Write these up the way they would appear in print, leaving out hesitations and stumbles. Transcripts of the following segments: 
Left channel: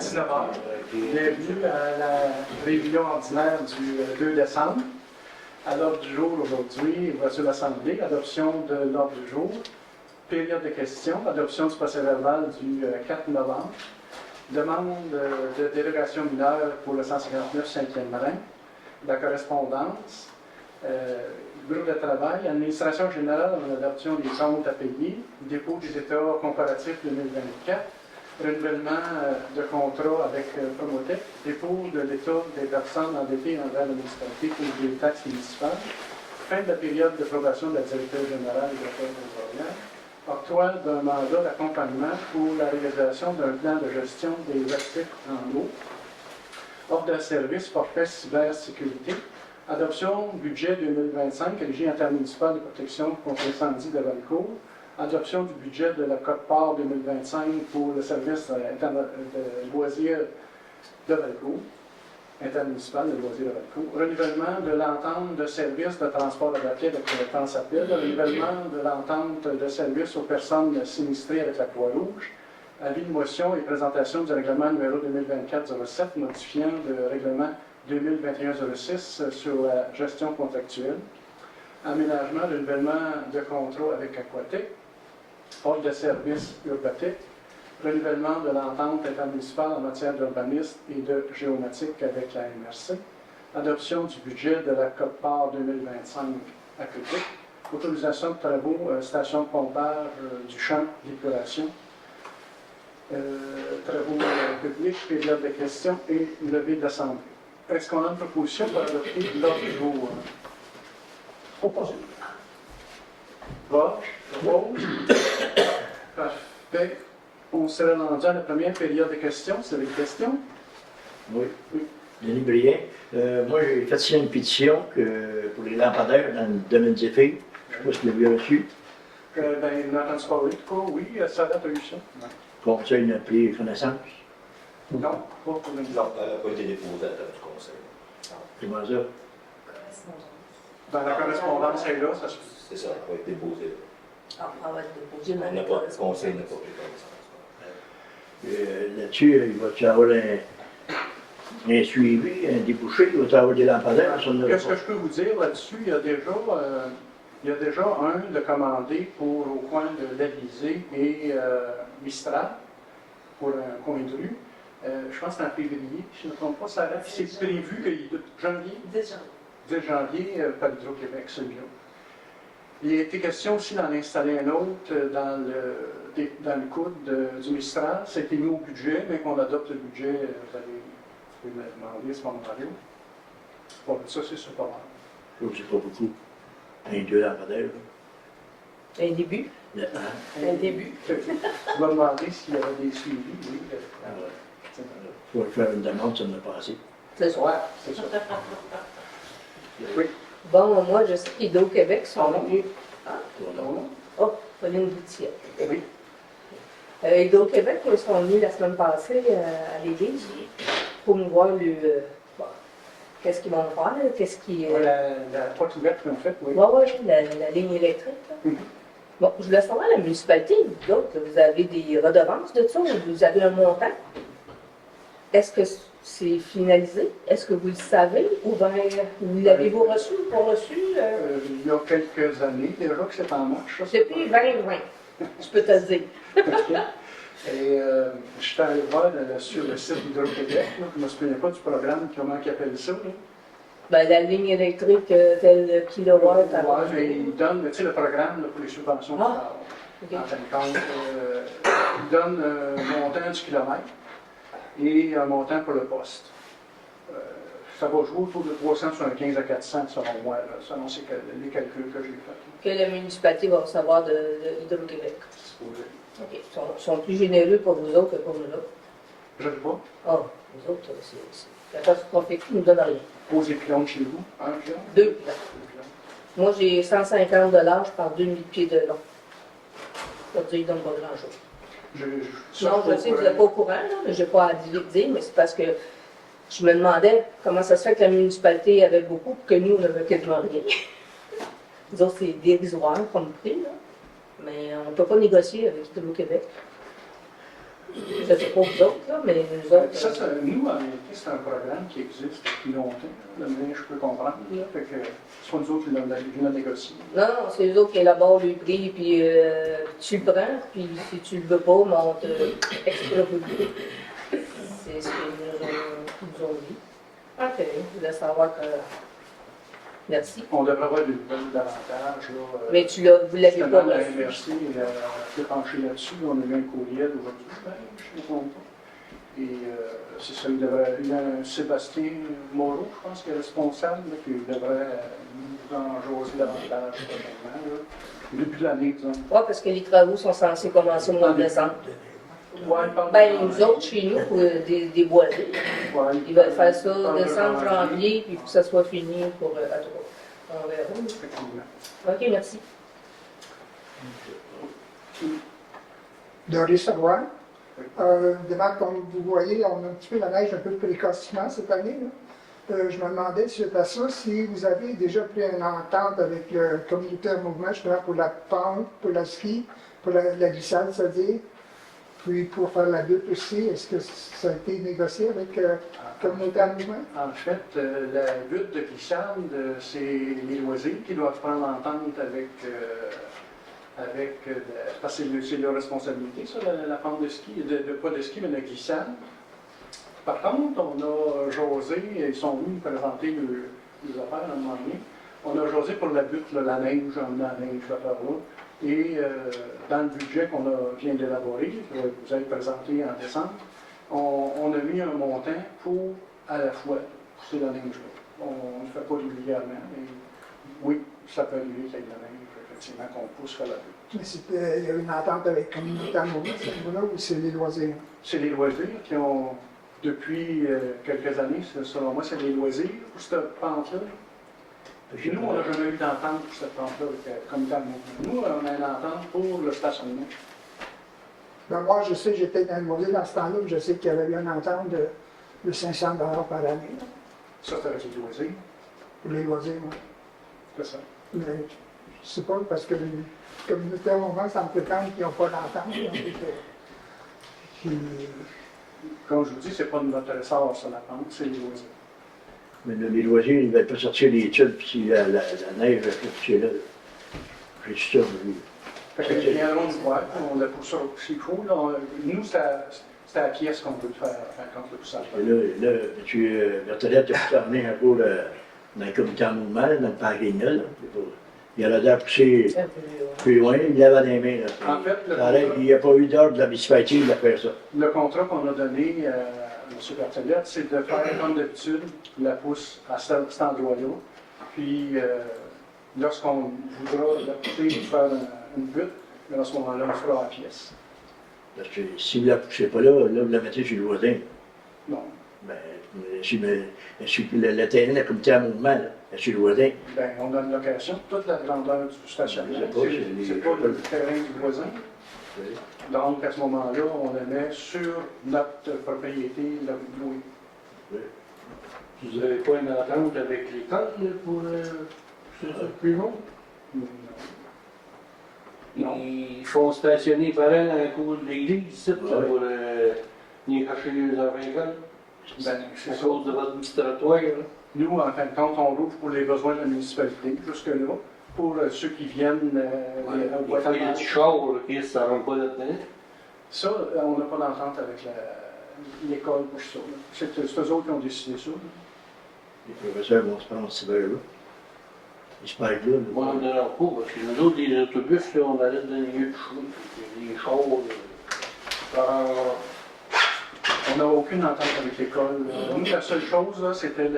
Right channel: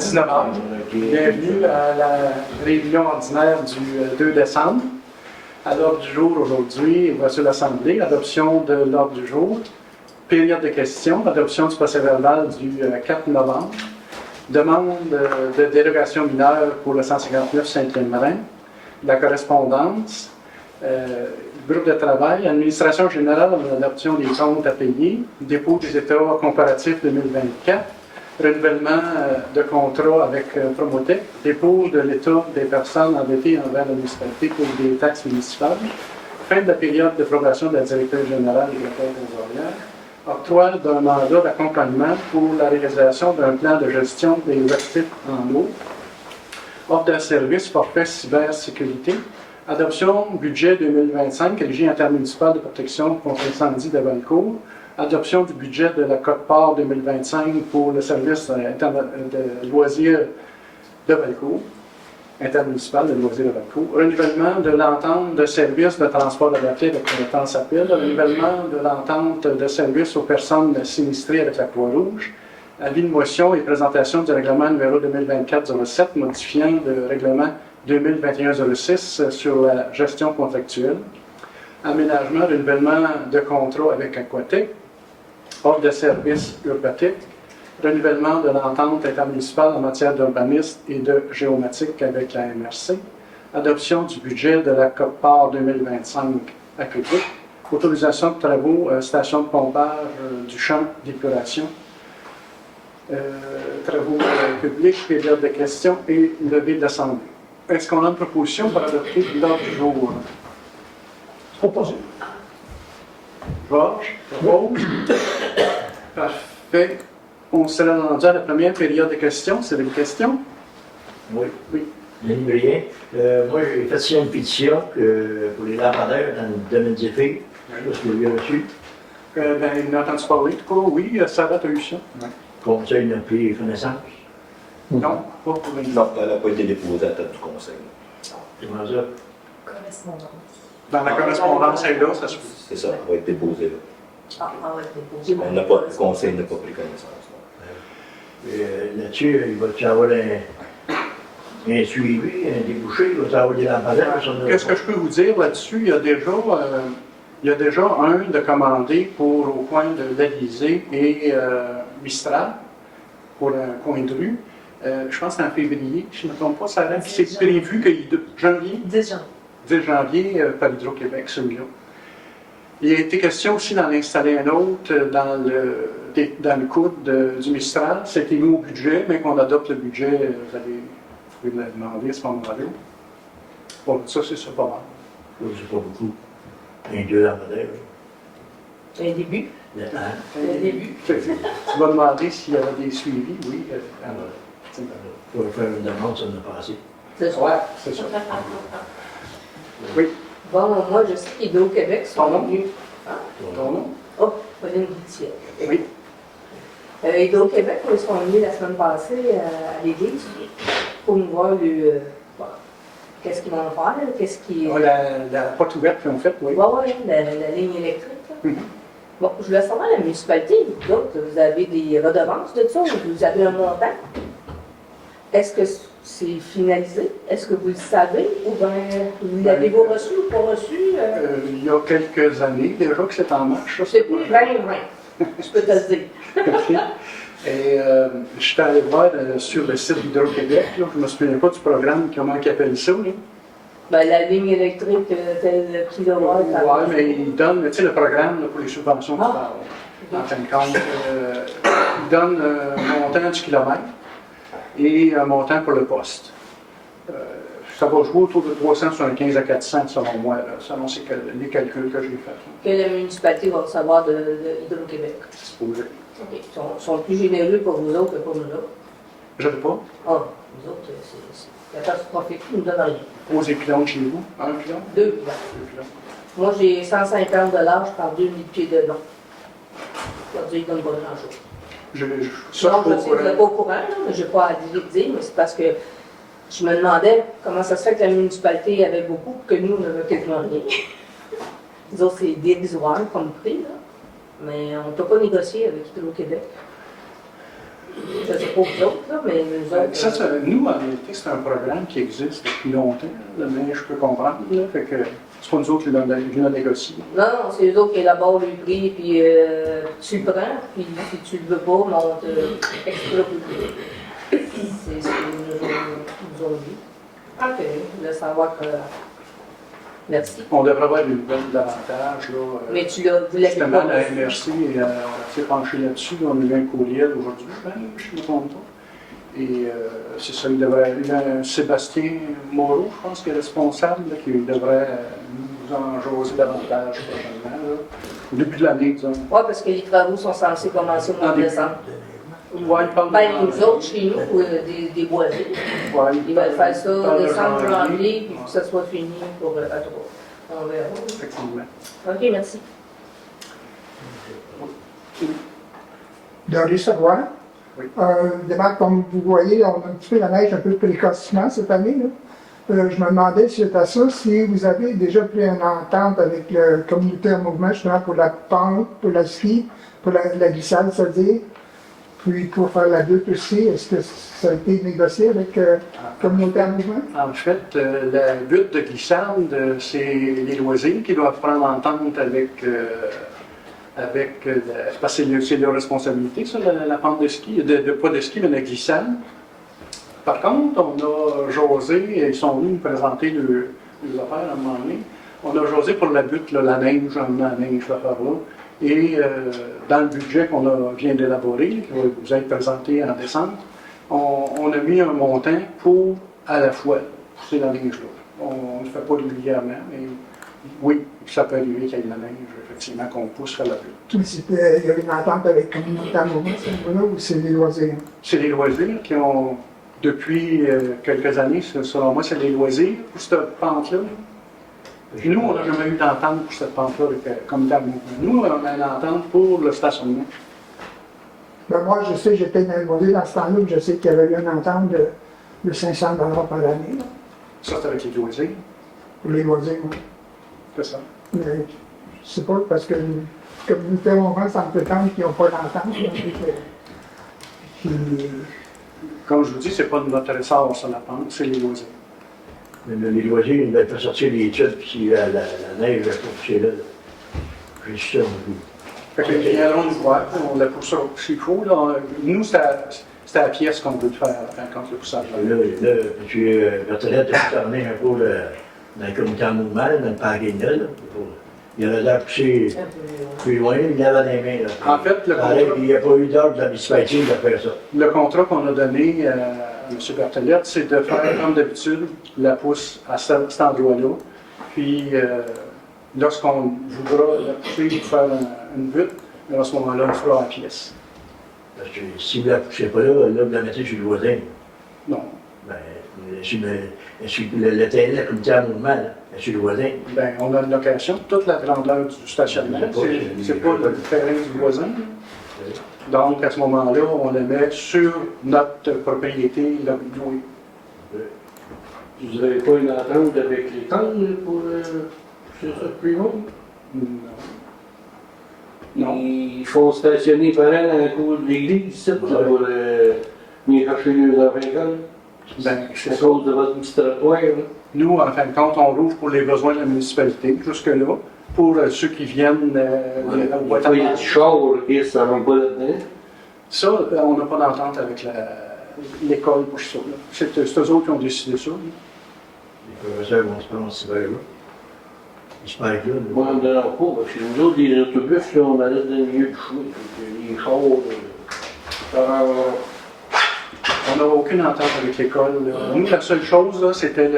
10 novembre. Bienvenue à la réunion ordinaire du 2 décembre. À l'ordre du jour aujourd'hui, voici l'Assemblée, adoption de l'ordre du jour, période de questions, adoption du procès-verbal du 4 novembre, demande de dérogation mineure pour le 159 5e-Marin, la correspondance, groupe de travail, administration générale de l'adoption des comptes à payer, dépôt des états comparatifs 2024, renouvellement de contrat avec Promotec, dépôt de l'état des personnes endettées envers la municipalité pour des taxes municipales, fin de la période de probation de la directrice générale des affaires trésorières, octroi d'un mandat d'accompagnement pour la réalisation d'un plan de gestion des actifs en eau, offre de service forfait cybersécurité, adoption budget 2025, régie intermunicipale de protection contre l'incendie de Valcourt, adoption du budget de la Côte-Part 2025 pour le service de loisirs de Valcourt, intermunicipal de loisirs de Valcourt, renouvellement de l'entente de service de transport adapté avec compétence à pile, renouvellement de l'entente de service aux personnes sinistrées avec la Croix-Rouge, avis de motion et présentation du règlement numéro 2024-07 modifiant le règlement 2021-06 sur la gestion contractuelle, aménagement, renouvellement de contrat avec Aquatec, offre de service Urbatec, renouvellement de l'entente intermunicipale en matière d'urbanisme et de géomatique avec la MRC, adoption du budget de la Côte-Part 2025 à Québec, autorisation de travaux, station de pompage du champ d'épuration, travaux publics, période de questions et levée de l'Assemblée. Est-ce qu'on a une proposition pour adopter l'ordre du jour? Proposé. Georges, propose. Parfait. On sera rendu à la première période de questions. C'est des questions? Oui. Oui. Denis Brien. Moi, j'ai fait signer une pétition pour les lampadaires dans le domaine des filles. Je ne sais pas si vous l'avez reçu. Il n'a entendu parler, en tout cas. Oui, Sarah, tu as eu ça. Conseil n'a pris connaissance. Non, pas pour une. Non, elle n'a pas été déposée à la tête du conseil. Comment ça? Correspondance. Dans la correspondance, elle est là, ça se peut. C'est ça, elle va être déposée là. Ah, on va être déposé. Le conseil n'a pas pris connaissance. Là-dessus, il va-tu avoir un suivi, un débouché, il va-tu avoir des lampadaires? Qu'est-ce que je peux vous dire là-dessus? Il y a déjà un de commandé pour au coin de l'Élysée et Mistral, pour un coin de rue. Je pense que c'est en février, je ne me trompe pas, ça reste. C'est prévu que janvier. 10 janvier. 10 janvier, par Hydro-Québec, celui-là. Il a été question aussi d'en installer un autre dans le coude du Mistral. C'était mis au budget, mais qu'on adopte le budget, vous pouvez me demander à ce moment-là. Bon, ça, c'est ça pas mal. Là, c'est pas beaucoup. Un, deux lampadaires. Un début. Un début. Tu vas demander s'il y avait des suivis, oui. Il faut faire une demande, ça n'a pas assez. C'est ça. Ouais, c'est ça. Oui. Bon, moi, je sais qu'Hydro-Québec Ton sont nom? venus. Ton nom? Oh, Pauline Goutier. Oui. Hydro-Québec, ils sont venus la semaine passée à l'église pour nous voir qu'est-ce qu'ils vont faire, qu'est-ce qui. La porte ouverte qu'ils ont faite, oui. Oui, la ligne électrique. Là. Bon, je voulais savoir, la municipalité, vous autres, vous avez des redevances de ça ou vous avez un montant? Est-ce que c'est finalisé? Est-ce que vous le savez? Ou bien, l'avez-vous reçu ou pas reçu? Il y a quelques années déjà que c'est en marche. C'est plus 2020, je peux te le dire. OK. Et je suis allé voir sur le site d'Hydro-Québec, je ne me souviens pas du programme, comment ils appellent ça. Là. Ben, la ligne électrique, tel kilowatt. Oui, mais ils donnent, tu sais, le programme là, pour les subventions du parle. En fin de compte, ils donnent un montant du kilomètre et un montant pour le poste. Ça va jouer autour de 375 à 400 selon moi, là, selon les calculs que j'ai faits. Que la municipalité va recevoir de Hydro-Québec. Supposé. OK. Ils sont plus généreux pour vous autres que pour nous autres. Je ne sais pas. Ah, nous autres, c'est catastrophique. Ils nous donnent rien. Posez pylônes chez vous. 1 pylône? 2 pylônes. 2 pylônes. Moi, j'ai 150 de large par 2000 pieds de long. Ça veut dire qu'ils ne donnent pas grand-chose. Non, je sais, vous n'êtes pas au courant, là, mais je n'ai pas à dire, mais c'est parce que je me demandais comment ça se fait que la municipalité avait beaucoup, que nous, on n'avait quasiment rien. Nous autres, c'est dérisoire comme prix, là. Mais on ne peut pas négocier avec Hydro-Québec. Je sais pas vous autres, là, mais nous autres. Nous, en réalité, c'est un programme qui existe depuis longtemps, là, mais je peux comprendre. Là, fait que c'est pas nous autres qui l'ont négocié. Non, c'est eux autres qui élaborent le prix, puis tu le prends, puis si tu le veux pas, mais on te exproprie. C'est ce qu'ils nous ont dit. OK, je voulais savoir que. Merci. On devrait avoir une nouvelle davantage. Là, Mais tu l'as, vous l'avez justement, pas la reçu. MRC s'est penchée là-dessus. On a eu un courriel aujourd'hui, je ne me trompe pas. Et c'est ça, il devrait. Il y a un Sébastien Moreau, je pense, qui est responsable, là, qui devrait nous en jaser davantage probablement, là, au début de l'année, disons. Oui, parce que les travaux sont censés commencer au mois de décembre. Ouais, il parle Ben, nous autres, chez nous, des boisés, ouais, ils veulent faire ça parle de décembre, janvier, puis que ça soit fini pour à trois. On verra. Effectivement. OK, merci. Doris Roy. Oui. Évidemment, comme vous voyez, on a un petit peu la neige un peu précocement cette année. Là. Je me demandais, suite à ça, si vous avez déjà pris une entente avec le communauté en mouvement, justement, pour la pente, pour la ski, pour la glissade, c'est-à-dire, puis pour faire la butte aussi. Est-ce que ça a été négocié avec la communauté en mouvement? En fait, la butte de glissade, c'est les loisirs qui doivent prendre entente parce que c'est leur responsabilité, ça, la pente de ski, pas de ski, mais de glissade. Par contre, on a jasé, ils sont venus nous présenter les affaires à un moment donné. On a jasé pour la butte, là, la neige, la neige, l'affaire-là. Et dans le budget qu'on vient d'élaborer, qui va vous être présenté en décembre, on a mis un montant pour à la fois pousser la neige-là. On ne le fait pas régulièrement, mais oui, ça peut arriver qu'il y ait de la neige, effectivement, qu'on pousse faire la butte. Il y avait une entente avec la communauté en mouvement, ce niveau-là, ou c'est les loisirs? C'est les loisirs qui ont, depuis quelques années, selon moi, c'est les loisirs pour cette pente-là. Nous, on n'a jamais eu d'entente pour cette pente-là avec le comité de mouvement. Nous, on a une entente pour le stationnement. Ben moi, je sais, j'étais dans le loisir dans ce temps-là, je sais qu'il y avait eu une entente de 500 $ par année, là, Ça, c'est avec les loisirs. pour les loisirs. Oui. C'est ça. Mais je sais pas, parce que la communauté en mouvement, ça me fait tendre qu'ils n'ont pas d'entente. Là, puis Comme je vous dis, c'est pas notre ressort sur la pente, c'est les loisirs. Mais les loisirs, ils ne veulent pas sortir les études, puis la neige va pousser là. J'ai su ça, on a vu. Fait qu'ils viendront nous voir, on le pousse s'il faut. Là. Nous, c'est la pièce qu'on veut faire quand le poussage. Et là, M. Berthelette a pu t'emmener un peu dans le comité en mouvement, dans le parking là. Il aurait dû pousser plus loin, il l'avait dans les mains. Là. En fait, Il n'y a pas eu d'ordre de la municipalité de faire ça. le contrat qu'on a donné à M. Berthelette, c'est de faire comme d'habitude, la pousse à cet endroit-là. Puis, lorsqu'on voudra la pousser pour faire une butte, à ce moment-là, on fera la pièce. Parce que si vous ne la poussez pas là, vous la mettez sur le voisin. Non. Ben, sur le terrain de la comité en mouvement, là, sur le voisin. Ben, on a une location, toute la grandeur du stationnement. C'est pas le terrain du voisin. Donc, à ce moment-là, on le met sur notre propriété louée. Vous n'avez pas une entente avec l'école pour ce plus long? Non. Non. Ils font stationner pareil dans la cour de l'église, ici, là, pour venir chercher les enfants à l'école. Ben, À c'est ça. cause de votre petit trottoir. Là. Nous, en fin de compte, on rouvre pour les besoins de la municipalité, jusque-là. Pour ceux qui viennent au Des fois, il y a du char, et ça ne rentre pas là-dedans. Ça, on n'a pas d'entente avec l'école pour ça. Là. C'est eux autres qui ont décidé ça. Là. Les professeurs vont se prendre ces verres-là. Ils se parlent là. Moi, on n'en a pas, parce que nous autres, les autobus, là, on allait dans le milieu du chemin. Les chars, On n'a aucune entente avec l'école. Là. Nous, la seule chose, là, c'était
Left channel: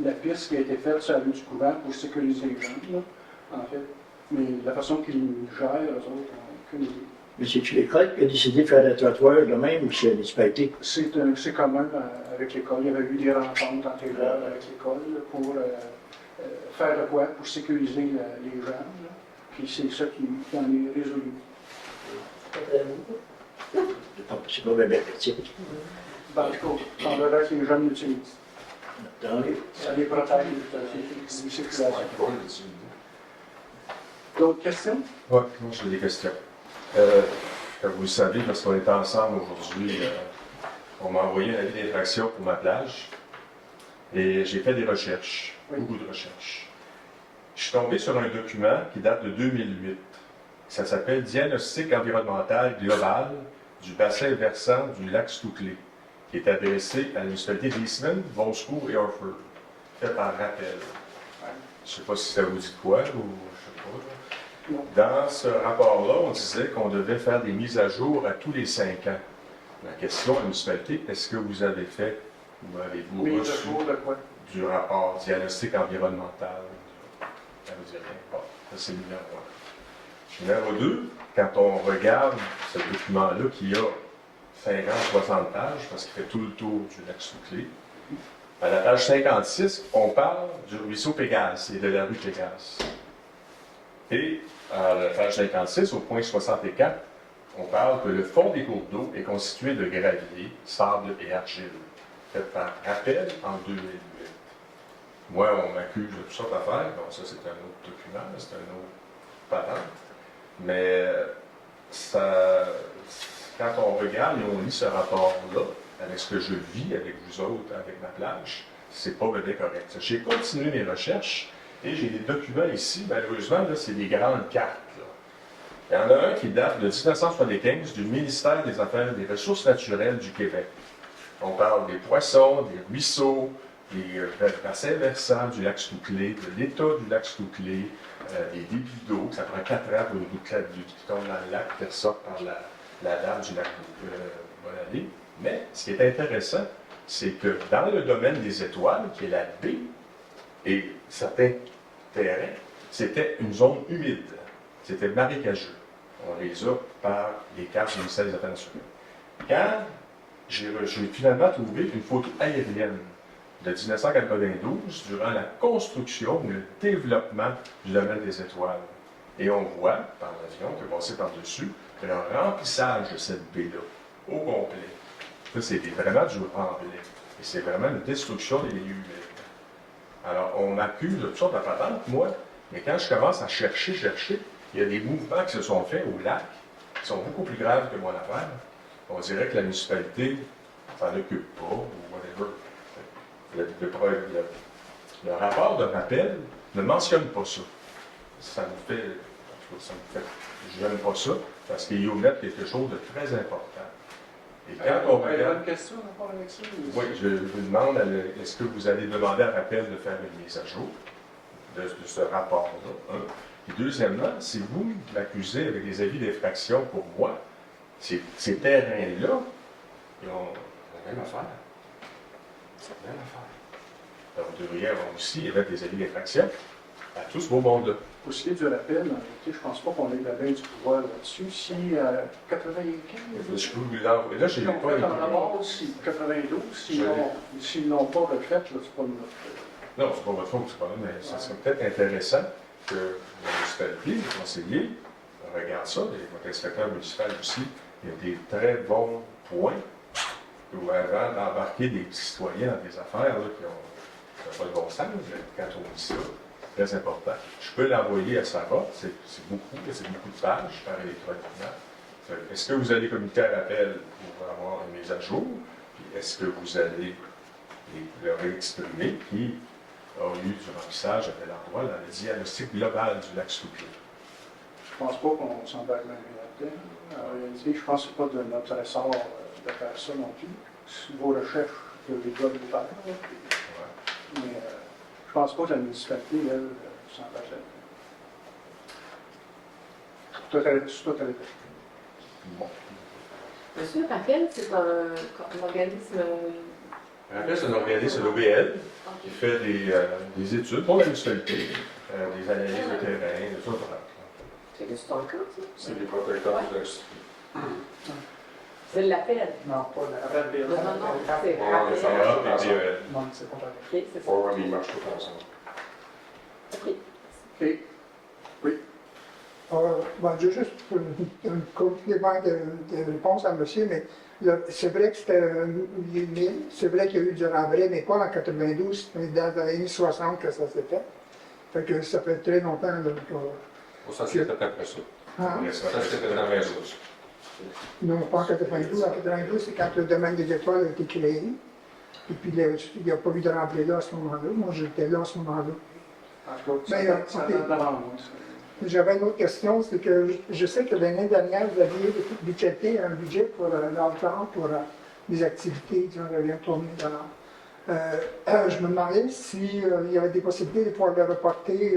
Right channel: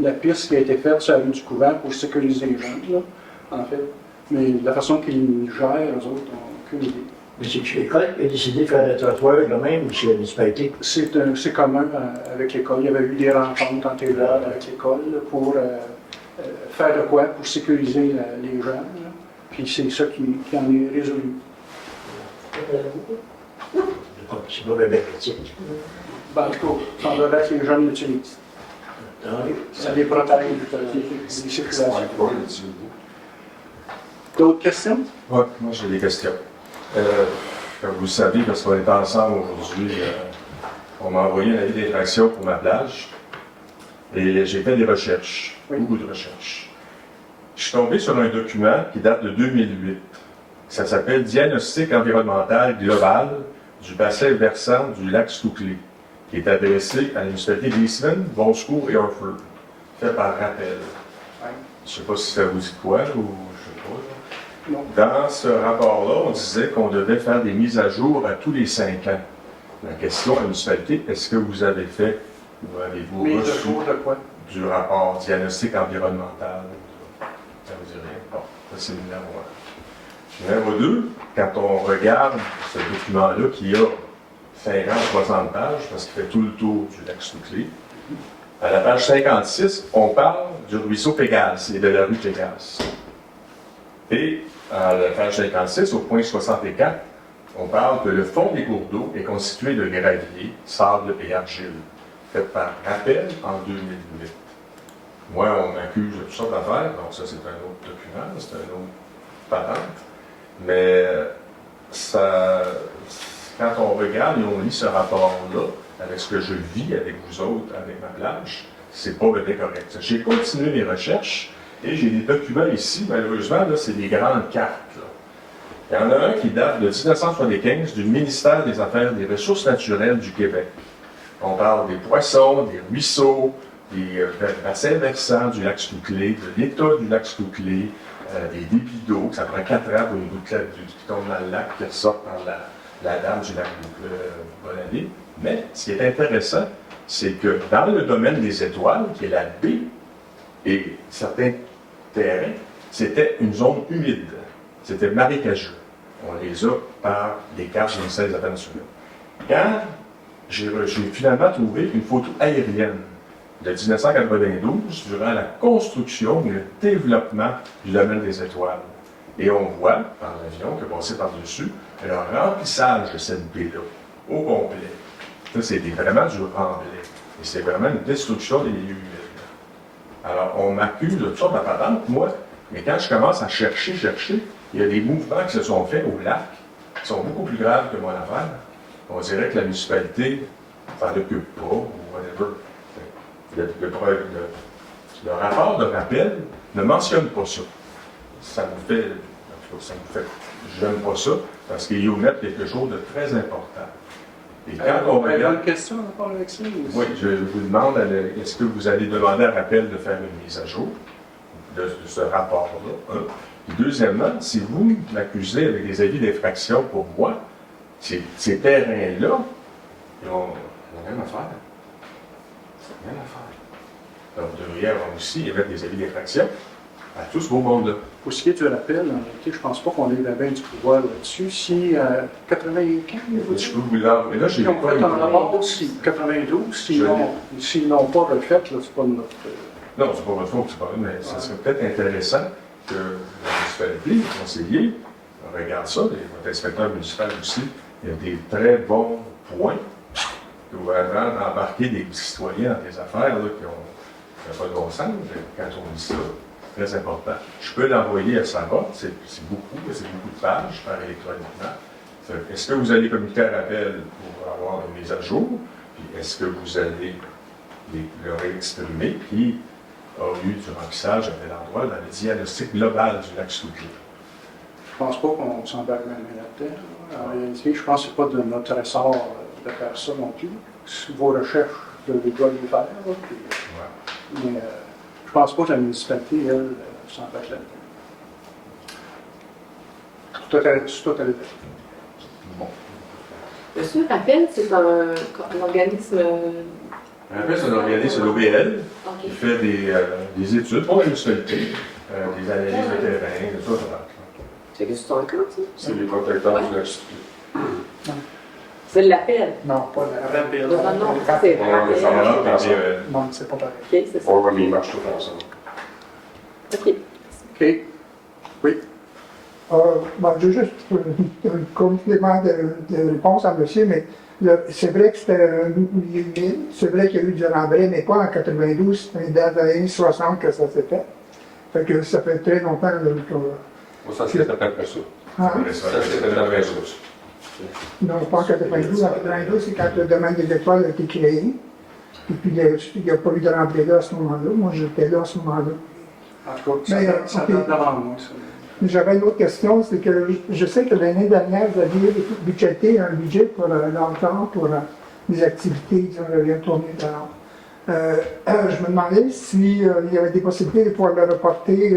la piste qui a été faite sur la rue du Couvent pour sécuriser les gens, là, en fait. Mais la façon qu'ils gèrent, eux autres, on n'a aucune idée. Mais c'est-tu l'école qui a décidé de faire le trottoir de même ou c'est la municipalité? C'est commun avec l'école. Il y avait eu des rencontres antérieures avec l'école là, pour faire de quoi pour sécuriser les gens. Là. Puis c'est ça qui en est résolu. C'est pas bien petit. Ben, en tout cas, il semblerait que les jeunes l'utilisent. Ça les protège des circulations. D'autres questions? Oui, moi j'ai des questions. Comme vous le savez, parce qu'on est ensemble aujourd'hui, on m'a envoyé un avis d'infraction pour ma plage. Et j'ai fait des recherches, beaucoup de recherches. Je suis tombé sur un document qui date de 2008. Ça s'appelle Diagnostic environnemental global du bassin versant du lac Stouclé, qui est adressé à la municipalité d'Eastman, Bon Secours et Orford, fait par rappel. Je ne sais pas si ça vous dit quoi ou je ne sais pas. Non. Dans ce rapport-là, on disait qu'on devait faire des mises à jour à tous les 5 ans. La question à la municipalité, est-ce que vous avez fait ou avez-vous Mise à reçu jour de quoi? du rapport diagnostic environnemental? Ça vous dit rien? Bon, ça c'est le numéro 1. Numéro 2, quand on regarde ce document-là qui a 50 ou 60 pages, parce qu'il fait tout le tour du lac Stouclé, à la page 56, on parle du ruisseau Pégase et de la rue Pégase. Et à la page 56, au point 64, on parle que le fond des cours d'eau est constitué de gravier, sable et argile, fait par rappel en 2008. Moi, on m'accuse de toutes sortes d'affaires, donc ça c'est un autre document, c'est un autre patente. Mais ça, quand on regarde et on lit ce rapport-là, avec ce que je vis avec vous autres, avec ma plage, c'est pas bien correct. J'ai continué mes recherches et j'ai des documents ici, malheureusement, là, c'est des grandes cartes. Là. Il y en a un qui date de 1975 du ministère des Affaires et des Ressources naturelles du Québec. On parle des poissons, des ruisseaux, des bassins versants du lac Stouclé, de l'état du lac Stouclé, des débits d'eau, que ça prend 4 ans pour une goutte qui tombe dans le lac, qui ressort par la dame du lac Bonadé. Mais ce qui est intéressant, c'est que dans le domaine des étoiles, qui est la baie, et certains terrains, c'était une zone humide. C'était marécageux. On les a par les cartes du ministère des Affaires nationales. Quand j'ai finalement trouvé une photo aérienne de 1992 durant la construction et le développement du domaine des étoiles. Et on voit, par l'avion qui est passé par-dessus, le remplissage de cette baie-là, au complet. Ça, c'est vraiment du remblai. Et c'est vraiment une destruction des lieux humides. Alors, on m'accuse de toutes sortes de patentes, moi, mais quand je commence à chercher, il y a des mouvements qui se sont faits au lac qui sont beaucoup plus graves que mon affaire. On dirait que la municipalité s'en occupe pas, ou whatever. Le rapport de rappel ne mentionne pas ça. Ça me fait. J'aime pas ça, parce qu'il y omet quelque chose de très important. Et quand on Vous avez regarde. une question à rapport avec ça? Oui, je vous demande, est-ce que vous allez demander à rappel de faire une mise à jour de ce rapport-là? Et deuxièmement, si vous m'accusez avec des avis d'infraction pour moi, ces terrains-là, ils ont la même affaire. C'est la même affaire. Donc, vous devriez avoir aussi émettre des avis d'infraction à tout ce beau monde-là. Pour ce qui est du rappel, en réalité, je ne pense pas qu'on ait bien du pouvoir là-dessus. Si 95, Je peux vous l'envoyer. Là, j'ai ils ont pas fait en rapport, si 92, s'ils n'ont pas refait, là, c'est pas notre. Non, c'est pas votre faute, c'est pas vrai, mais ça serait peut-être intéressant que la municipalité, les conseillers, regardent ça, et votre inspecteur municipal aussi. Il y a des très bons points que vous avez d'embarquer des citoyens dans des affaires là, qui n'ont pas de bon sens. Quand on dit ça, c'est très important. Je peux l'envoyer à Sarah, c'est beaucoup de pages par électroniquement. Est-ce que vous allez communiquer à rappel pour avoir une mise à jour? Puis est-ce que vous allez leur exprimer qui a eu du remplissage à tel endroit dans le diagnostic global du lac Stouclé? Je ne pense pas qu'on s'embarque même là-dedans. En réalité, je pense que ce n'est pas de notre ressort de faire ça non plus. Vos recherches, de les doit les faire. Là, puis, mais je ne pense pas que la municipalité, elle, s'embarque là-dedans. C'est tout à l'état. Bon. Monsieur Rappel, c'est un organisme. Après, c'est un organisme de l'OBL qui Ok. fait des études pour la municipalité, des analyses de terrain, de tout ça. C'est que c'est un camp, ça? C'est les protecteurs du lac Stouclé. C'est l'appel. Non, pas la Rappel. Non, c'est rappel. Ça va, puis, Non, c'est pas pareil. Ok, c'est ça. Oui, mais ils marchent tout ensemble. Ok. OK. Oui. J'ai juste un complément de réponse à monsieur, mais c'est vrai que c'était un milieu humide, c'est vrai qu'il y a eu du remblai, mais pas en 92, mais dans les années 60 que ça s'est fait. Fait que ça fait très longtemps là, que. Ça, c'est peut-être après ça. Hein? Ça, Ça, c'est peut-être après ça. Non, pas en 92. En 92, c'est quand le domaine des étoiles a été créé. Et puis, il n'y a pas eu de remplir là à ce moment-là. Moi, j'étais là à ce moment-là. En tout cas, Mais, ça ok. date d'avant moi, ça. J'avais une autre question, c'est que je sais que l'année dernière, vous aviez budgété un budget pour l'enfant, pour des activités, disons, il y a tourné je me demandais s'il y avait des possibilités de pouvoir le reporter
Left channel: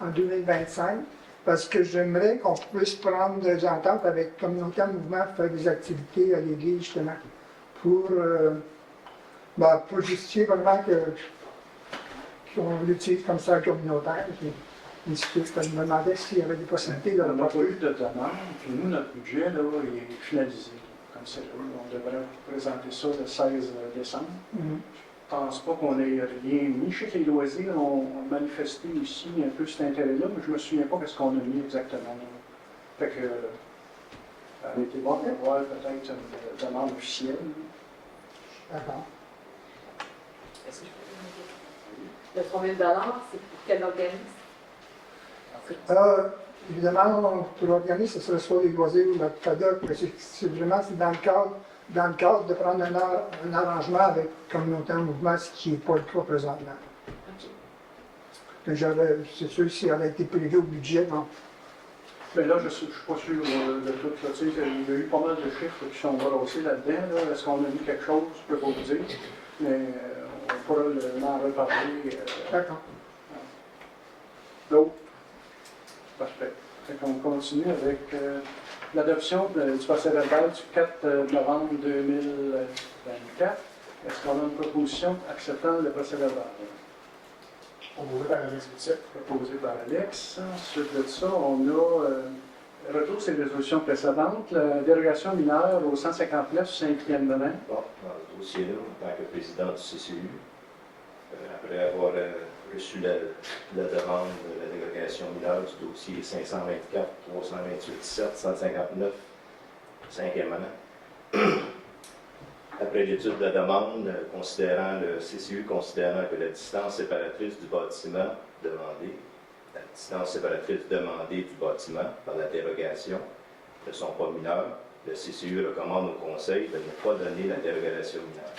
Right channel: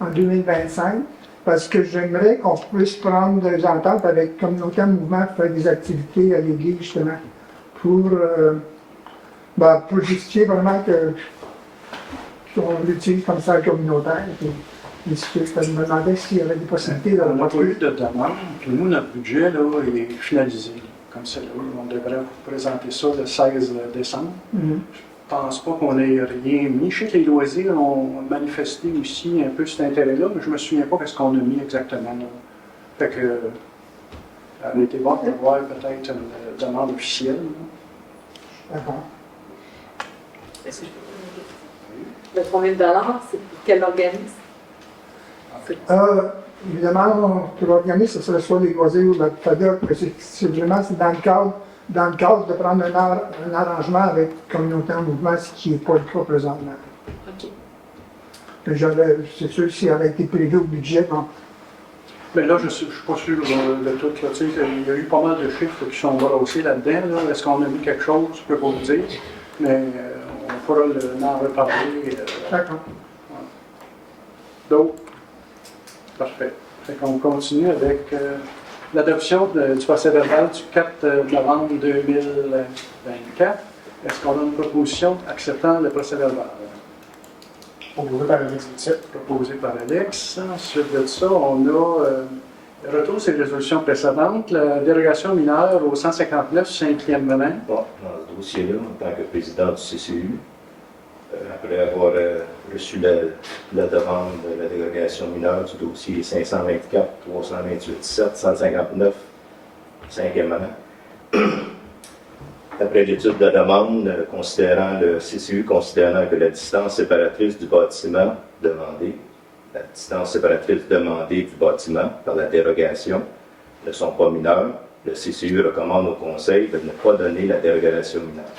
en 2025, parce que j'aimerais qu'on puisse prendre des ententes avec Communauté en Mouvement pour faire des activités à l'église, justement, pour justifier vraiment qu'on l'utilise comme ça communautaire. Je me demandais s'il y avait des possibilités de On n'a pas reporter. eu de demande, puis nous, notre budget là, est finalisé, comme c'est là. On devrait vous présenter ça le 16 décembre. Mhm. Je ne pense pas qu'on ait rien mis. Je sais que les loisirs ont manifesté aussi un peu cet intérêt-là, mais je ne me souviens pas ce qu'on a mis exactement. Là. Fait que, ça aurait été bon d'avoir peut-être une demande officielle. Là. D'accord. Est-ce que je peux poser une question? Le combien de dollars, c'est pour quel organisme? Évidemment, pour l'organisme, ce serait soit les loisirs ou la FADOC, mais c'est vraiment dans le cadre de prendre un arrangement avec Communauté en Mouvement, ce qui n'est pas le cas présentement. OK. C'est sûr, s'il avait été prévu au budget, bon, Mais là, je ne suis pas sûr de tout. Là. Tu sais, il y a eu pas mal de chiffres qui sont brossés là-dedans. Là. Est-ce qu'on a mis quelque chose? Je ne peux pas vous dire. Mais on pourra en reparler. d'accord. D'autres? Parfait. Fait qu'on continue avec l'adoption du procès-verbal du 4 novembre 2024. Est-ce qu'on a une proposition acceptant le procès-verbal? Proposé par Alex Boutet. Proposé par Alex. Ensuite de ça, on a retour sur les résolutions précédentes. La dérogation mineure au 159, 5e rang. Bon, dans ce dossier-là, en tant que président du CCU, après avoir reçu la demande de la dérogation mineure du dossier 524, 328, 7, 159, 5e rang, après l'étude de la demande, le CCU considérant que la distance séparatrice du bâtiment demandée, du bâtiment par la dérogation ne sont pas mineures, le CCU recommande au Conseil de ne pas donner la dérogation mineure.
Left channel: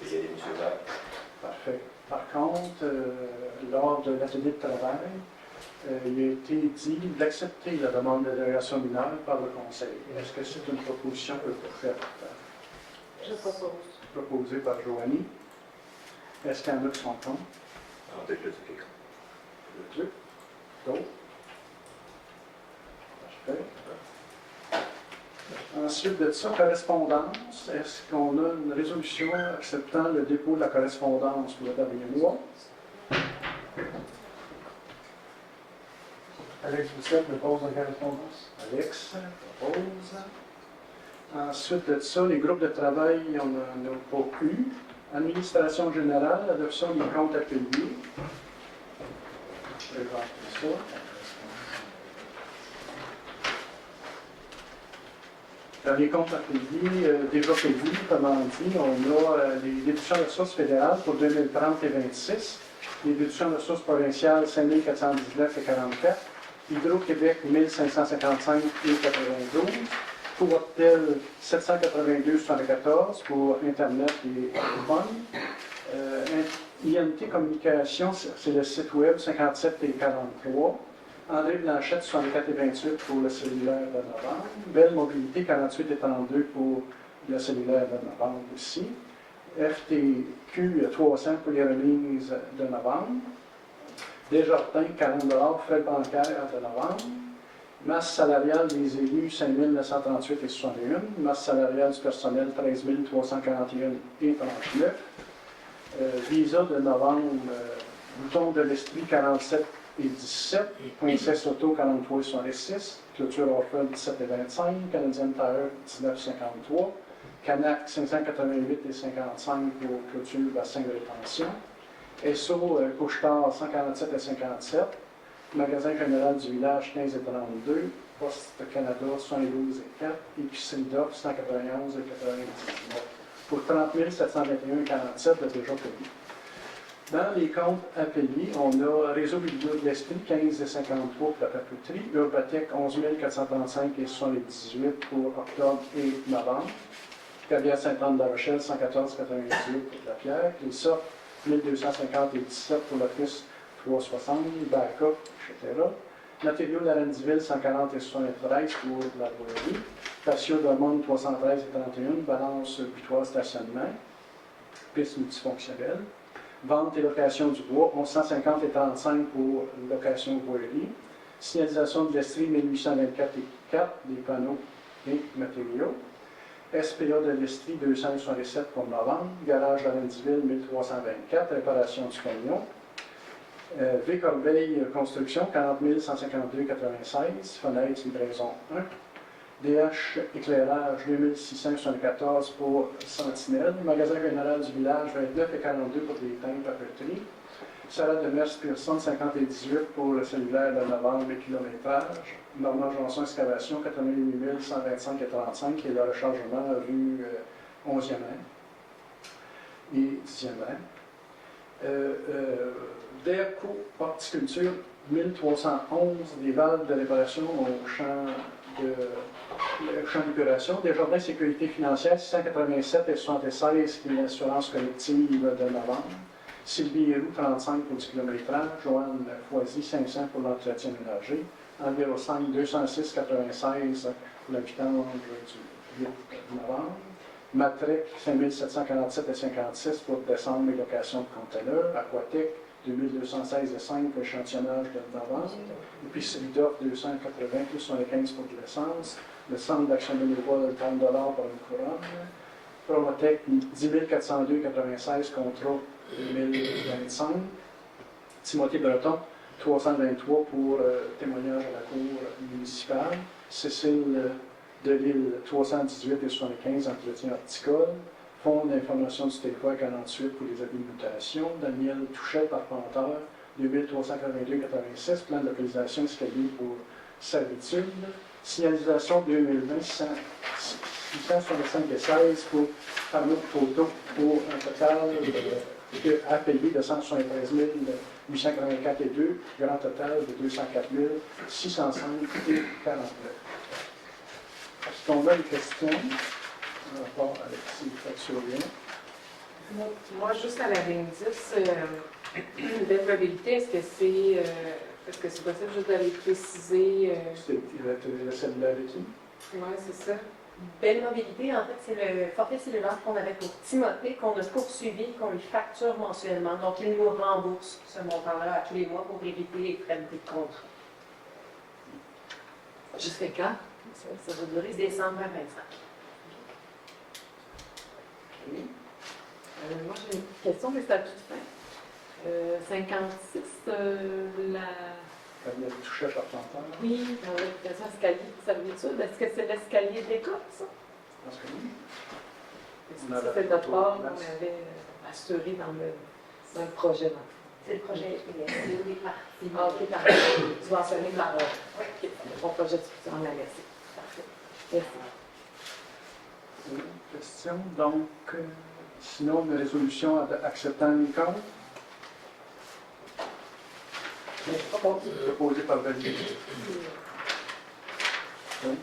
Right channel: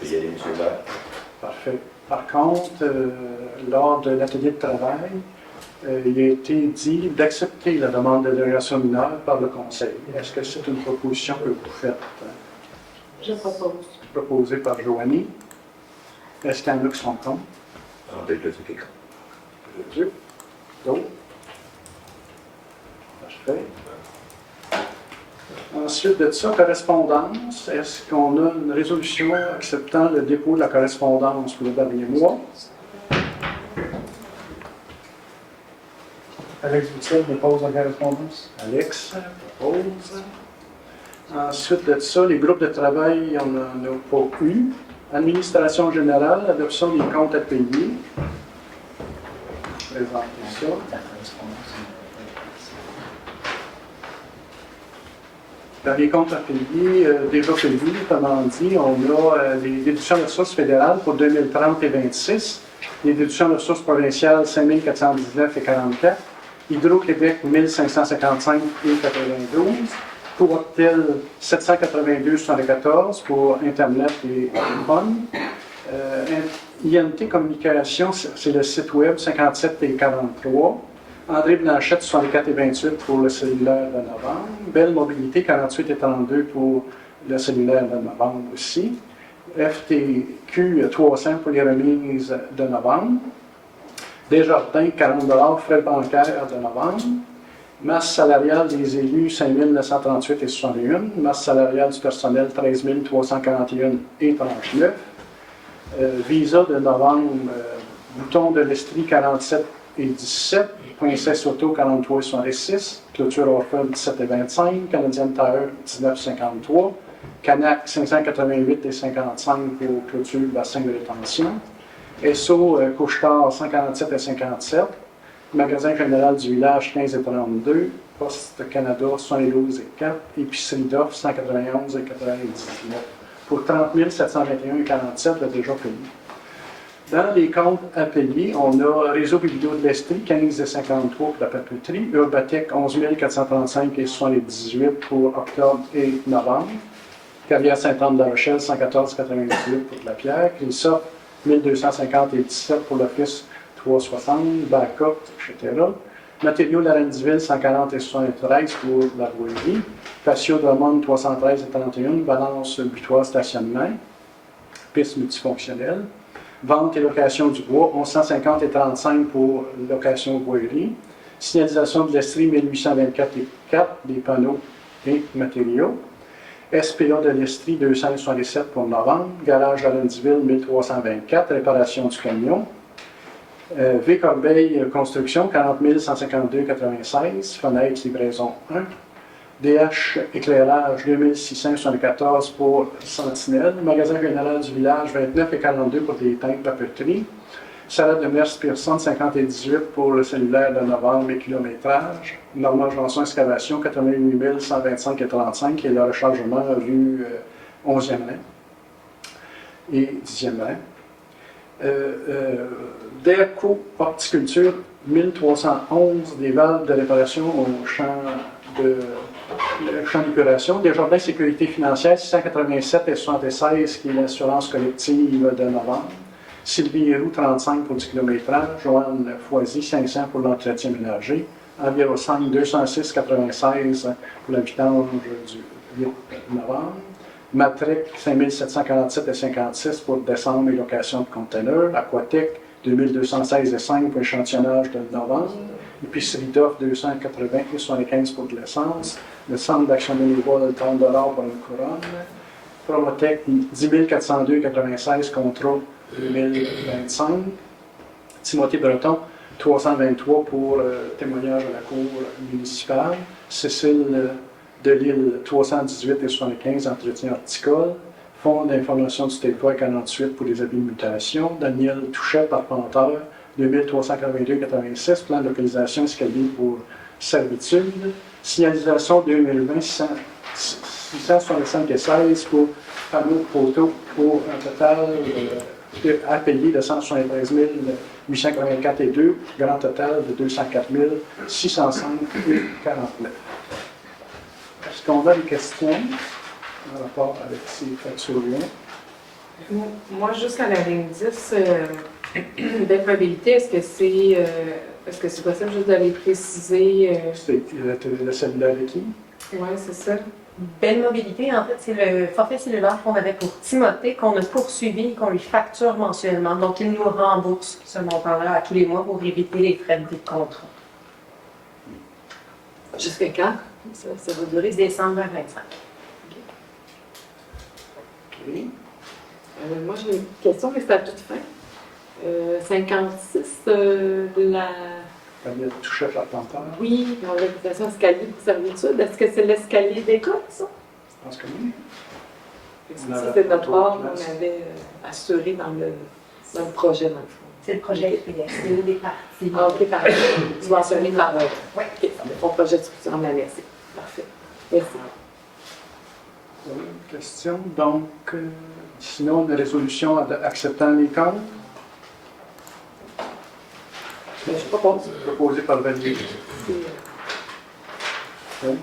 Je vais y aller, M. le maire. Parfait. Par contre, lors de l'atelier de travail, il a été dit d'accepter la demande de dérogation mineure par le Conseil. Est-ce que c'est une proposition que vous faites? Je propose. Proposée par Joanie. Est-ce qu'il y en a qui sont contre? Peut-être le truc. Dieu. D'autres? Parfait. Ensuite de ça, correspondance. Est-ce qu'on a une résolution acceptant le dépôt de la correspondance pour le dernier mois? Alex Boutet dépose la correspondance. Alex propose. Ensuite de ça, les groupes de travail, on n'en a pas eu. Administration générale, adoption des comptes à payer. Je vais présenter ça. Dans les comptes à payer, déjà payés, comment dit, on a les déductions de ressources fédérales pour 2030 et 26, les déductions de ressources provinciales 5 419 et 44, Hydro-Québec 1555 et 92, Courtel 782,74 pour Internet et téléphone. INT Communication, c'est le site web 57 et 43. André Blanchette, 64 et 28 pour le cellulaire de novembre. Belle Mobilité, 48 et 32 pour le cellulaire de novembre aussi. FTQ, 300 pour les remises de novembre. Desjardins, 40 frais bancaires de novembre. Masse salariale des élus, 5 938 et 61. Masse salariale du personnel, 13 341 et 39. Visa de novembre, bouton de l'Estrie, 47 et 17. Princesse Auto, 43 et 66. Clôture Orfeld, 17 et 25. Canadienne Tire, 19 et 53. Canac, 588 et 55 pour clôture bassin de rétention. SO, Couche-Tard, 147 et 57. Magasin général du village, 15 et 32. Poste Canada, 72 et 4. Épicerie d'offres, 191 et 99. Pour 30 721 et 47, déjà payé. Dans les comptes à payer, on a Réseau Biblio de l'Estrie, 15,53 pour la papeterie, Urbatec, 11 435,78 pour octobre et novembre, Carrière Sainte-Anne-de-la Rochelle, 114,98 pour la pierre, Crisop, 1250,17 pour l'office, 360, backup, etc. Matériaux Larentville, 140,73 pour la brouillerie, Patio Drummond, 313,31, balance butoir stationnement, piste multifonctionnelle. Vente et location du bois, 1150,35 pour location brouillerie. Signalisation de l'Estrie, 1824,4 des panneaux et matériaux. SPA de l'Estrie, 267 pour novembre. Garage Larentville, 1324, réparation du camion. V. Corbeil Construction, 40 152,96, fenêtre livraison 1. DH Éclairage, 2674 pour Sentinelle. Magasin général du village, 29,42 pour des teintes papeterie. Salade de Merce Pearson, 50,18 pour le cellulaire de novembre et kilométrage. Normand Janson Excavation, 88 125,35 et le rechargement rue 11e rang et 10e rang. DERCO Horticulture, 1311 des valves de réparation au champ d'épuration. Desjardins Sécurité financière, 687,76 qui est l'assurance collective de novembre. Sylvie Héroux, 35 pour du kilométrage. Joanne Foisy, 500 pour l'entretien ménager. Envirosang, 206,96 pour la vidange du 8 novembre. Matrec, 5747,56 pour décembre et location de conteneurs. Aquatec, 2216,5 pour échantillonnage de novembre. Épicerie d'offre, 280,75 pour de l'essence. Le centre d'action bénévole, 30 pour une couronne. Promotec, 10 402,96 contrat 2025. Timothée Breton, 323 pour témoignage à la cour municipale. Cécile Delille, 318,75 entretien horticole. Fonds d'information du territoire 48 pour les habilitations. Daniel Touchet, Parpenteur, 2382,86. Plan de localisation escalier pour servitude. Signalisation 2020, 665,16 pour panneaux de photos pour un total à payer de 173 884,2, grand total de 204 605,49. Est-ce qu'on a des questions en rapport avec ces factures-là? Moi, juste à la ligne 10, belle mobilité, est-ce que c'est possible juste de les préciser? C'est le cellulaire de qui? Oui, c'est ça. Belle mobilité, en fait, c'est le forfait cellulaire qu'on avait pour Timothée, qu'on a poursuivi et qu'on lui facture mensuellement. Donc, il nous rembourse ce montant-là à tous les mois pour éviter les frais de contrat. Jusqu'à quand? Ça va durer? Décembre 2025. OK. Moi, j'ai une question, mais c'est à toute fin. 56, la... Daniel Touchet, Parpenteur. Oui, l'organisation escalier pour servitude. Est-ce que c'est l'escalier d'école, ça? Je pense que oui. Ça, c'est notre part qu'on avait assuré dans le projet, dans le fond. C'est le projet SPS, c'est des parties. Ah, OK, parfait. Subventionné par... Oui. OK, mon projet de structure en merci. Parfait. Merci. Question. Donc, sinon, une résolution acceptant les comptes. Je ne sais pas quoi. Proposé par Valérie. Oui.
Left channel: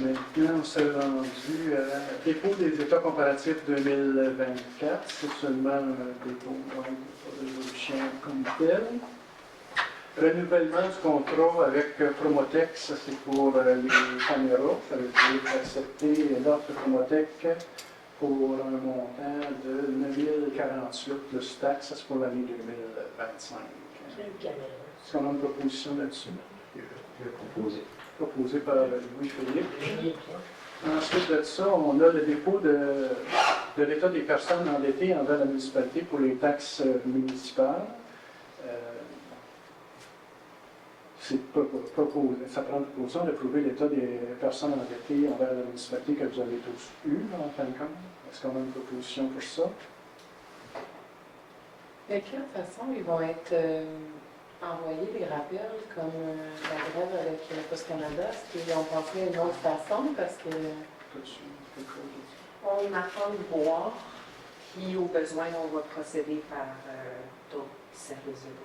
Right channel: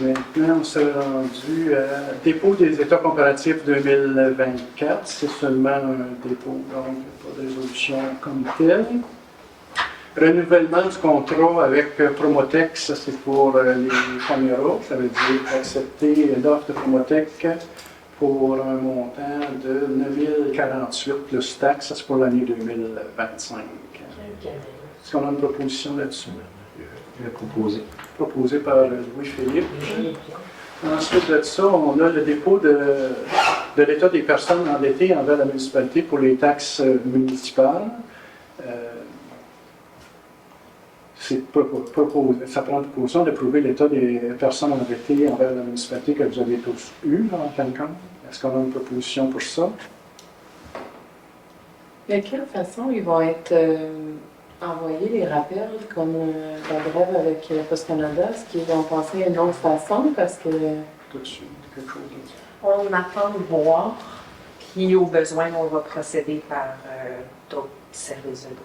Maintenant, on s'est rendu à dépôt des états comparatifs 2024. C'est seulement un dépôt, donc pas de résolution comme telle. Renouvellement du contrat avec Promotex, ça c'est pour les caméras. Ça veut dire accepter l'offre de Promotech pour un montant de 9048 plus taxes, ça c'est pour l'année 2025. Est-ce qu'on a une proposition là-dessus? Il a proposé. Proposé par Louis-Philippe. Ensuite de ça, on a le dépôt de l'état des personnes endettées envers la municipalité pour les taxes municipales. Ça prend proposition d'approuver l'état des personnes endettées envers la municipalité que vous avez tous eu, en fin de compte. Est-ce qu'on a une proposition pour ça? De quelle façon ils vont être envoyés, les rappels, comme la grève avec Post Canada? Est-ce qu'ils vont passer à une autre façon? Parce que... Tout de suite, quelque chose de ça. On attend de voir. Puis au besoin, on va procéder par d'autres services de gouvernement.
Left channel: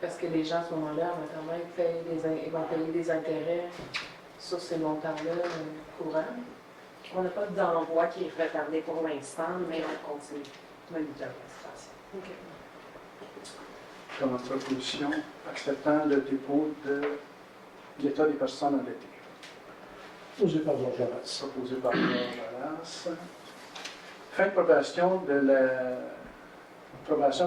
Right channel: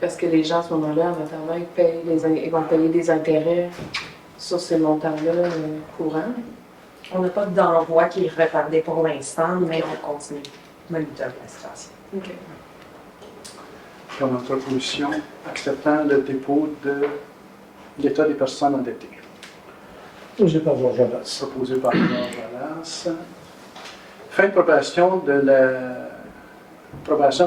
Parce que les gens, à ce moment-là, en attendant, ils vont payer des intérêts sur ces montants-là courants. On n'a pas d'envoi qui est retardé pour l'instant, mais on continue de monitorer la situation. OK. Dans notre proposition, acceptant le dépôt de l'état des personnes endettées. Posé par Georges Abbas. Proposé par Georges Wallace. Fin de probation de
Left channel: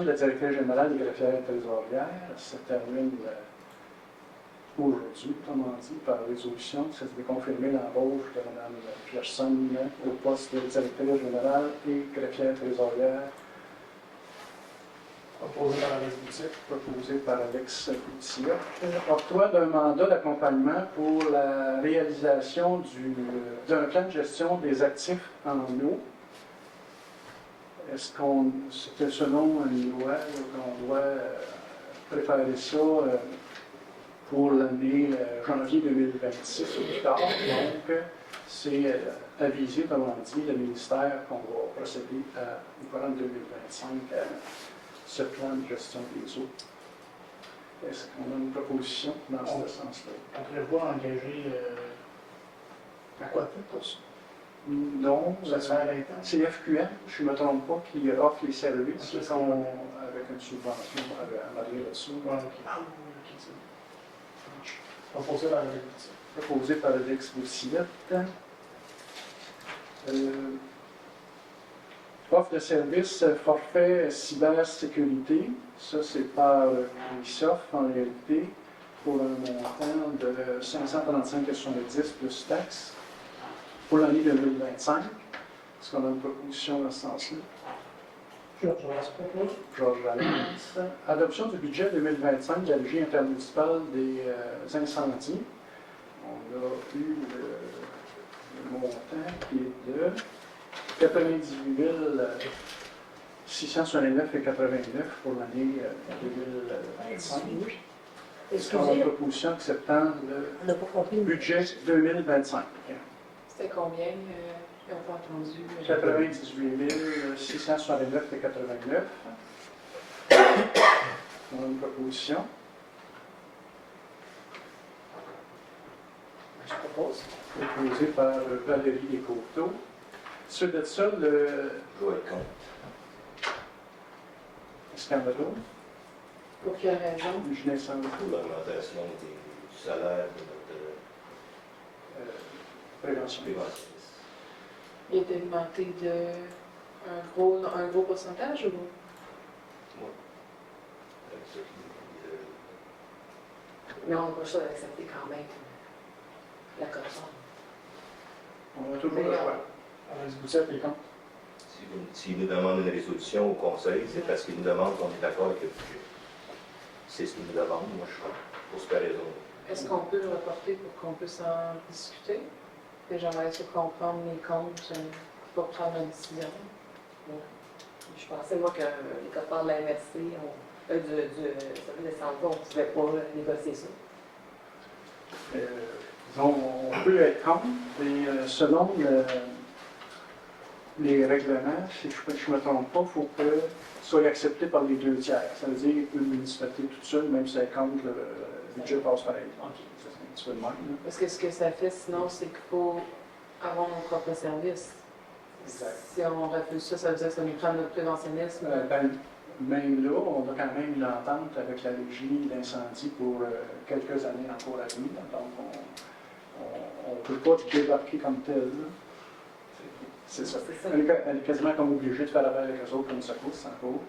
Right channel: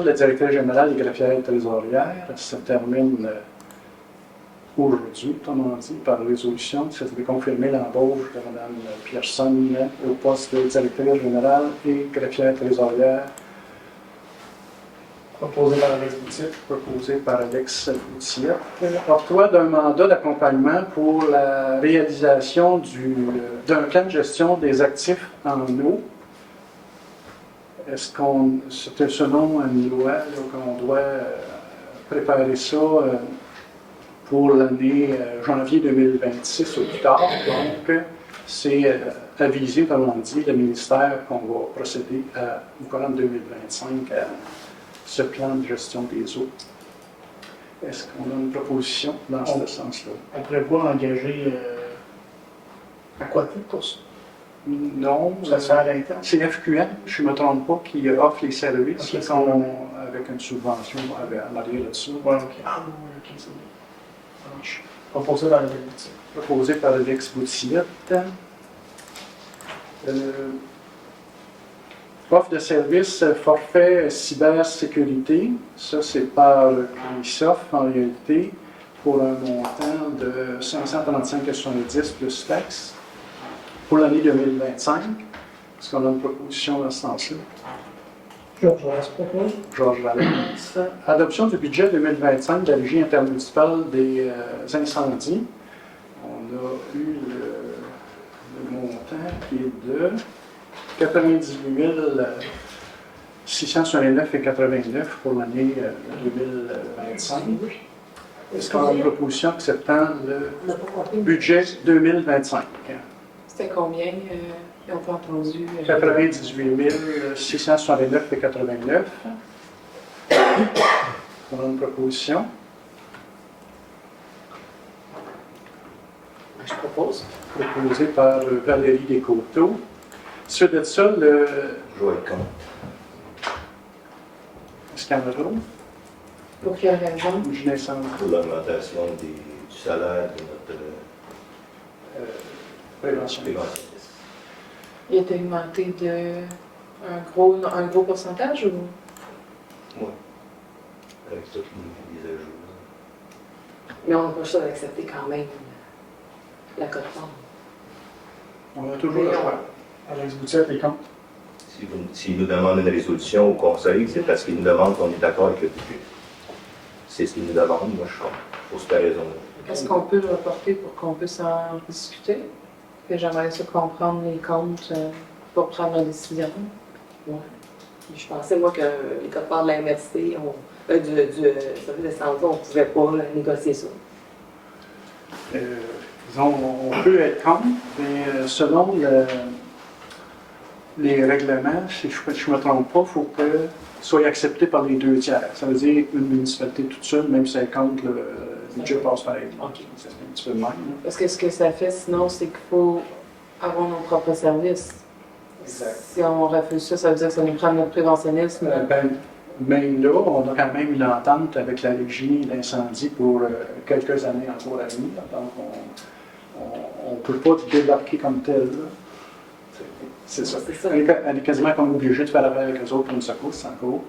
la directrice générale des greffières et trésorières se termine aujourd'hui, autrement dit, par résolution. C'est de confirmer l'embauche de Mme Pierson au poste de directrice générale et greffière trésorière. Proposé par Alex Boutier. Proposé par Alex Boutier. Octroi d'un mandat d'accompagnement pour la réalisation d'un plan de gestion des actifs en eau. Est-ce c'était selon une loi qu'on doit préparer ça pour l'année janvier 2026 ou plus tard? Donc, c'est avisé, comme on dit, le ministère qu'on va procéder au courant de 2025 à ce plan de gestion des eaux. Est-ce qu'on a une proposition dans ce sens-là? On prévoit engager Aquatec pour ça. Non, Ça se fait à l'interne. c'est FQM, je ne me trompe pas, qui offre les services Ok, c'est avec une subvention en arrière là-dessus. Ouais, ok. Ah, ok, c'est bon. Ça marche. Proposé par Alex Boutier. Proposé par Alex Boutillette. Offre de service forfait cybersécurité. Ça, c'est par Microsoft en réalité, pour un montant de 535,70 plus taxes pour l'année 2025. Est-ce qu'on a une proposition dans ce sens-là? Georges Wallace propose. Georges Valence. Adoption du budget 2025 de la Régie intermunicipale des incendies. On a eu le montant qui est de 98 669,89 pour l'année 2025. Est-ce qu'on a une proposition acceptant le budget 2025? C'était combien? Ils ont pas entendu. 98 669,89. On a une proposition. Je propose. Proposée par Valérie Descoteaux. Suite de ça, Joël Comte. est-ce qu'il y en a d'autres? Pour quelle raison? Je descends. Pour l'augmentation du salaire de notre Prévention. préventionniste. Il a été augmenté de un gros pourcentage ou? Oui. Avec toutes les mises à jour. Mais on n'a pas le choix d'accepter quand même la cote-forme. On a toujours le choix. Alex Boutier, t'es contre. S'il nous demande une résolution au conseil, c'est parce qu'il nous demande qu'on est d'accord avec le budget. C'est ce qu'il nous demande, moi je suis contre, pour cette raison-là. Est-ce qu'on peut le reporter pour qu'on puisse en discuter? Et j'aimerais ça comprendre les comptes pour prendre la décision. Ouais. Je pensais, moi, que les cote-formes de la MRC, du service de santé, on ne pouvait pas négocier ça. Disons, on peut être contre, mais selon les règlements, si je ne me trompe pas, il faut que soit accepté par les 2 tiers. Ça veut dire une municipalité toute seule, même si elle compte, le budget passe par elle. OK. C'est un petit peu le même. Parce que ce que ça fait sinon, c'est qu'il faut avoir nos propres services. Exact. Si on refuse ça, ça veut dire que ça nous prend notre préventionnisme. Même là, on a quand même une entente avec la régie d'incendie pour quelques années encore à venir. Donc, on ne peut pas débarquer comme tel. Là. C'est ça. C'est ça. Elle est quasiment comme obligée de faire affaire avec eux autres pour une secousse encore.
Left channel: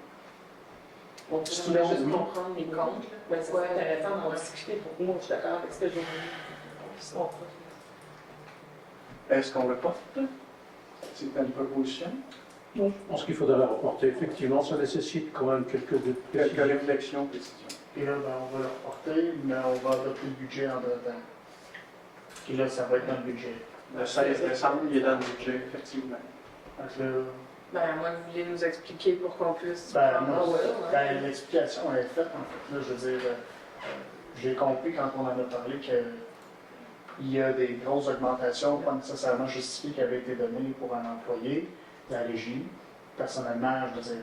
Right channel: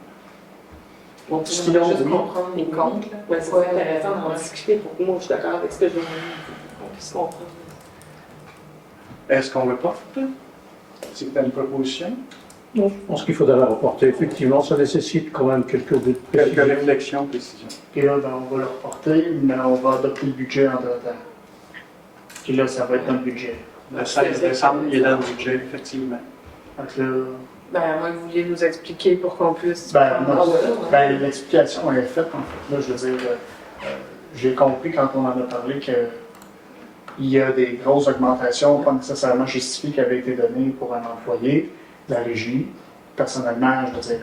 On peut Sinon, juste oui. comprendre les comptes. Ouais, c'est intéressant d'en discuter pour que moi, je suis d'accord avec ce que je veux qu'on puisse comprendre. Est-ce qu'on reporte? C'est que tu as une proposition? Non, je pense qu'il faudrait la reporter. Effectivement, ça nécessite quand même quelques Quelques réflexions, précisions. Et là, ben, on va le reporter, mais on va adopter le budget en deux temps. Puis là, ça va être dans le budget. Le 16 décembre, il est dans le budget, effectivement. Donc là, Ben, moi, vous vouliez nous expliquer pour qu'on puisse. ben, prendre- non, ben, l'explication est faite, en fait. Là, je veux dire, j'ai compris quand on en a parlé qu'il y a des grosses augmentations, pas nécessairement justifiées, qui avaient été données pour un employé de la régie. personnellement, je veux dire,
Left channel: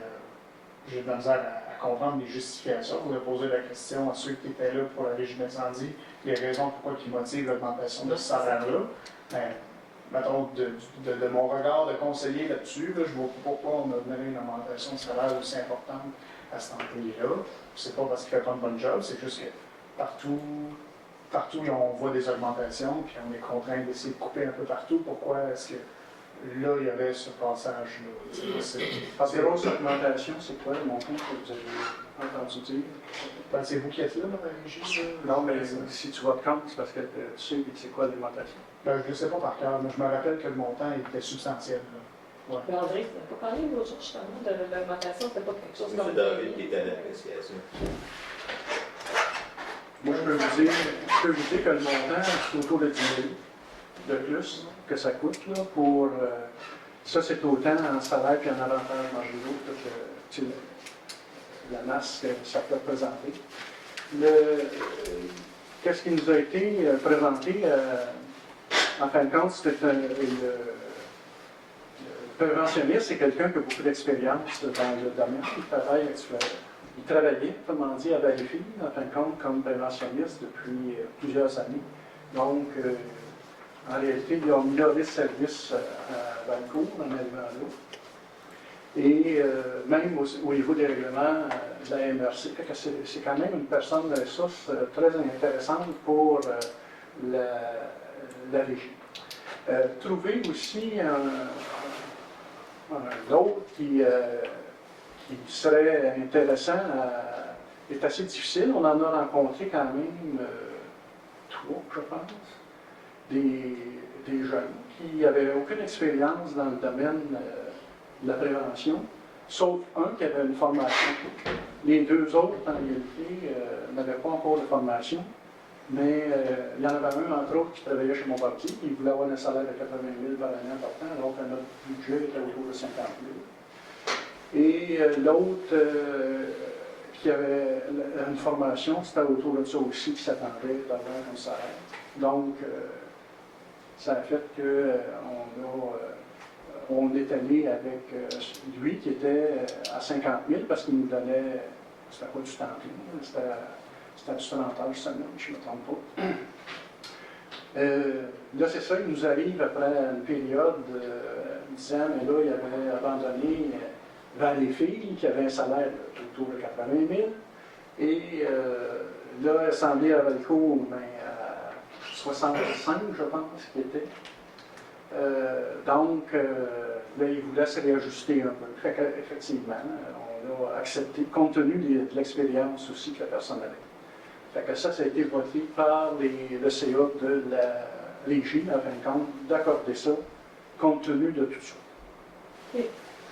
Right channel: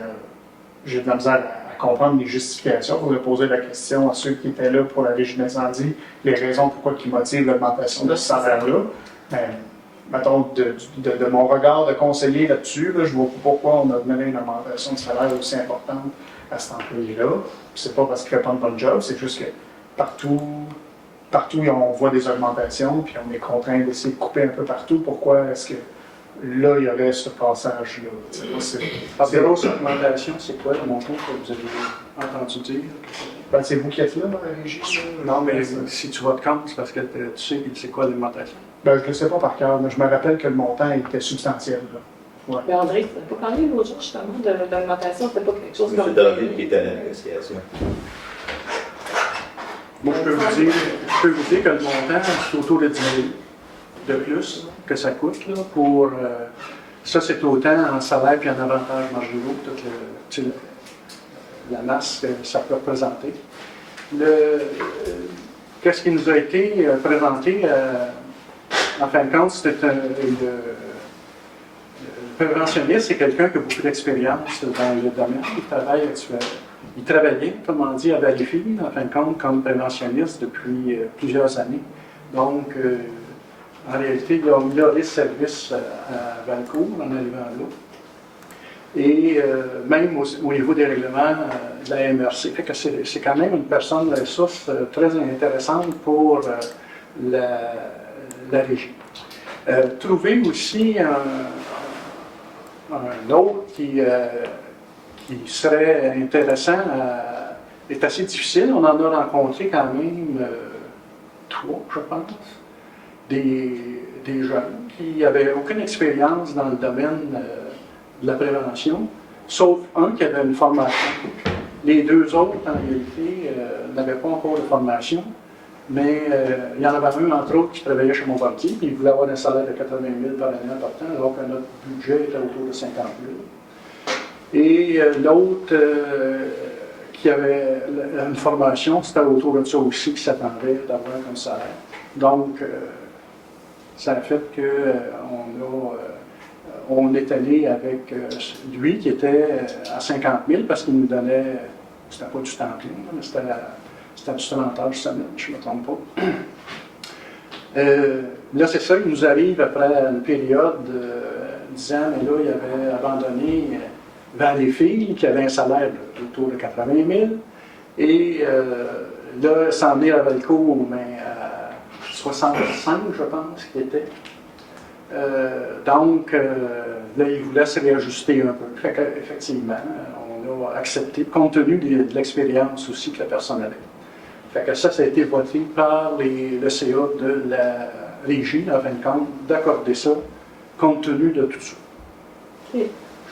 j'ai de la misère à comprendre les justifications. Il faudrait poser la question à ceux qui étaient là pour la Régie d'incendie, les raisons pourquoi ils motivent l'augmentation de ce salaire-là. Mais, mettons, de mon regard de conseiller là-dessus, là, je vois pas pourquoi on a donné une augmentation de salaire aussi importante à cet employé-là. C'est pas parce qu'il ne fait pas une bonne job, c'est juste que partout, on voit des augmentations, puis on est contraint d'essayer de couper un peu partout. Pourquoi est-ce que là, il y aurait ce passage-là? Grosse augmentation, c'est quoi le montant que vous avez entendu dire? Ben, c'est vous qui êtes là dans la régie? Non, mais si tu vas de compte, c'est parce que tu sais c'est quoi l'augmentation. Ben, je ne le sais pas par cœur, mais je me rappelle que le montant était substantiel. Là. Ouais. Mais André, tu n'as pas parlé l'autre jour justement de l'augmentation, c'était pas quelque chose M. comme... David qui était à la négociation. Moi, je peux vous dire que le montant, c'est autour de 10 000 de plus que ça coûte. Là, pour, ça, c'est autant en salaire puis en avantages marginaux, toute la masse que ça peut représenter. Qu'est-ce qui nous a été présenté, en fin de compte, c'était le préventionniste, c'est quelqu'un qui a beaucoup d'expérience dans le domaine. Il travaillait, autrement dit, à Valleyfield, en fin de compte, comme préventionniste depuis plusieurs années. Donc, en réalité, il a amélioré ce service à Valcourt en arrivant là. Et même au niveau des règlements de la MRC. Fait que c'est quand même une personne ressource très intéressante pour la régie. Trouver aussi un autre qui serait intéressant est assez difficile. On en a rencontré quand même 3, je pense, des jeunes qui n'avaient aucune expérience dans le domaine de la prévention, sauf un qui avait une formation. Les 2 autres, en réalité, n'avaient pas encore de formation, mais il y en avait un, entre autres, qui travaillait chez Montbartier, puis il voulait avoir un salaire de 80 000 par année important, alors que notre budget était autour de 50 000. Et l'autre qui avait une formation, c'était autour de ça aussi qui s'attendait d'avoir un salaire. Donc, ça a fait qu'on est allé avec lui qui était à 50 000 parce qu'il nous donnait, c'était pas du temps plein, c'était du 30 heures semaine, je ne me trompe pas. Là, c'est ça, il nous arrive après une période de 10 ans, mais là, il avait abandonné Valleyfield, qui avait un salaire autour de 80 000, et là, s'en venir à Valcourt, mais à 65, je pense, qu'il était. Donc, là, il voulait se réajuster un peu. Fait qu'effectivement, on a accepté, compte tenu de l'expérience aussi que la personne avait. Fait que ça a été voté par le CA de la régie, en fin de compte, d'accorder ça, compte tenu de tout ça. Okay.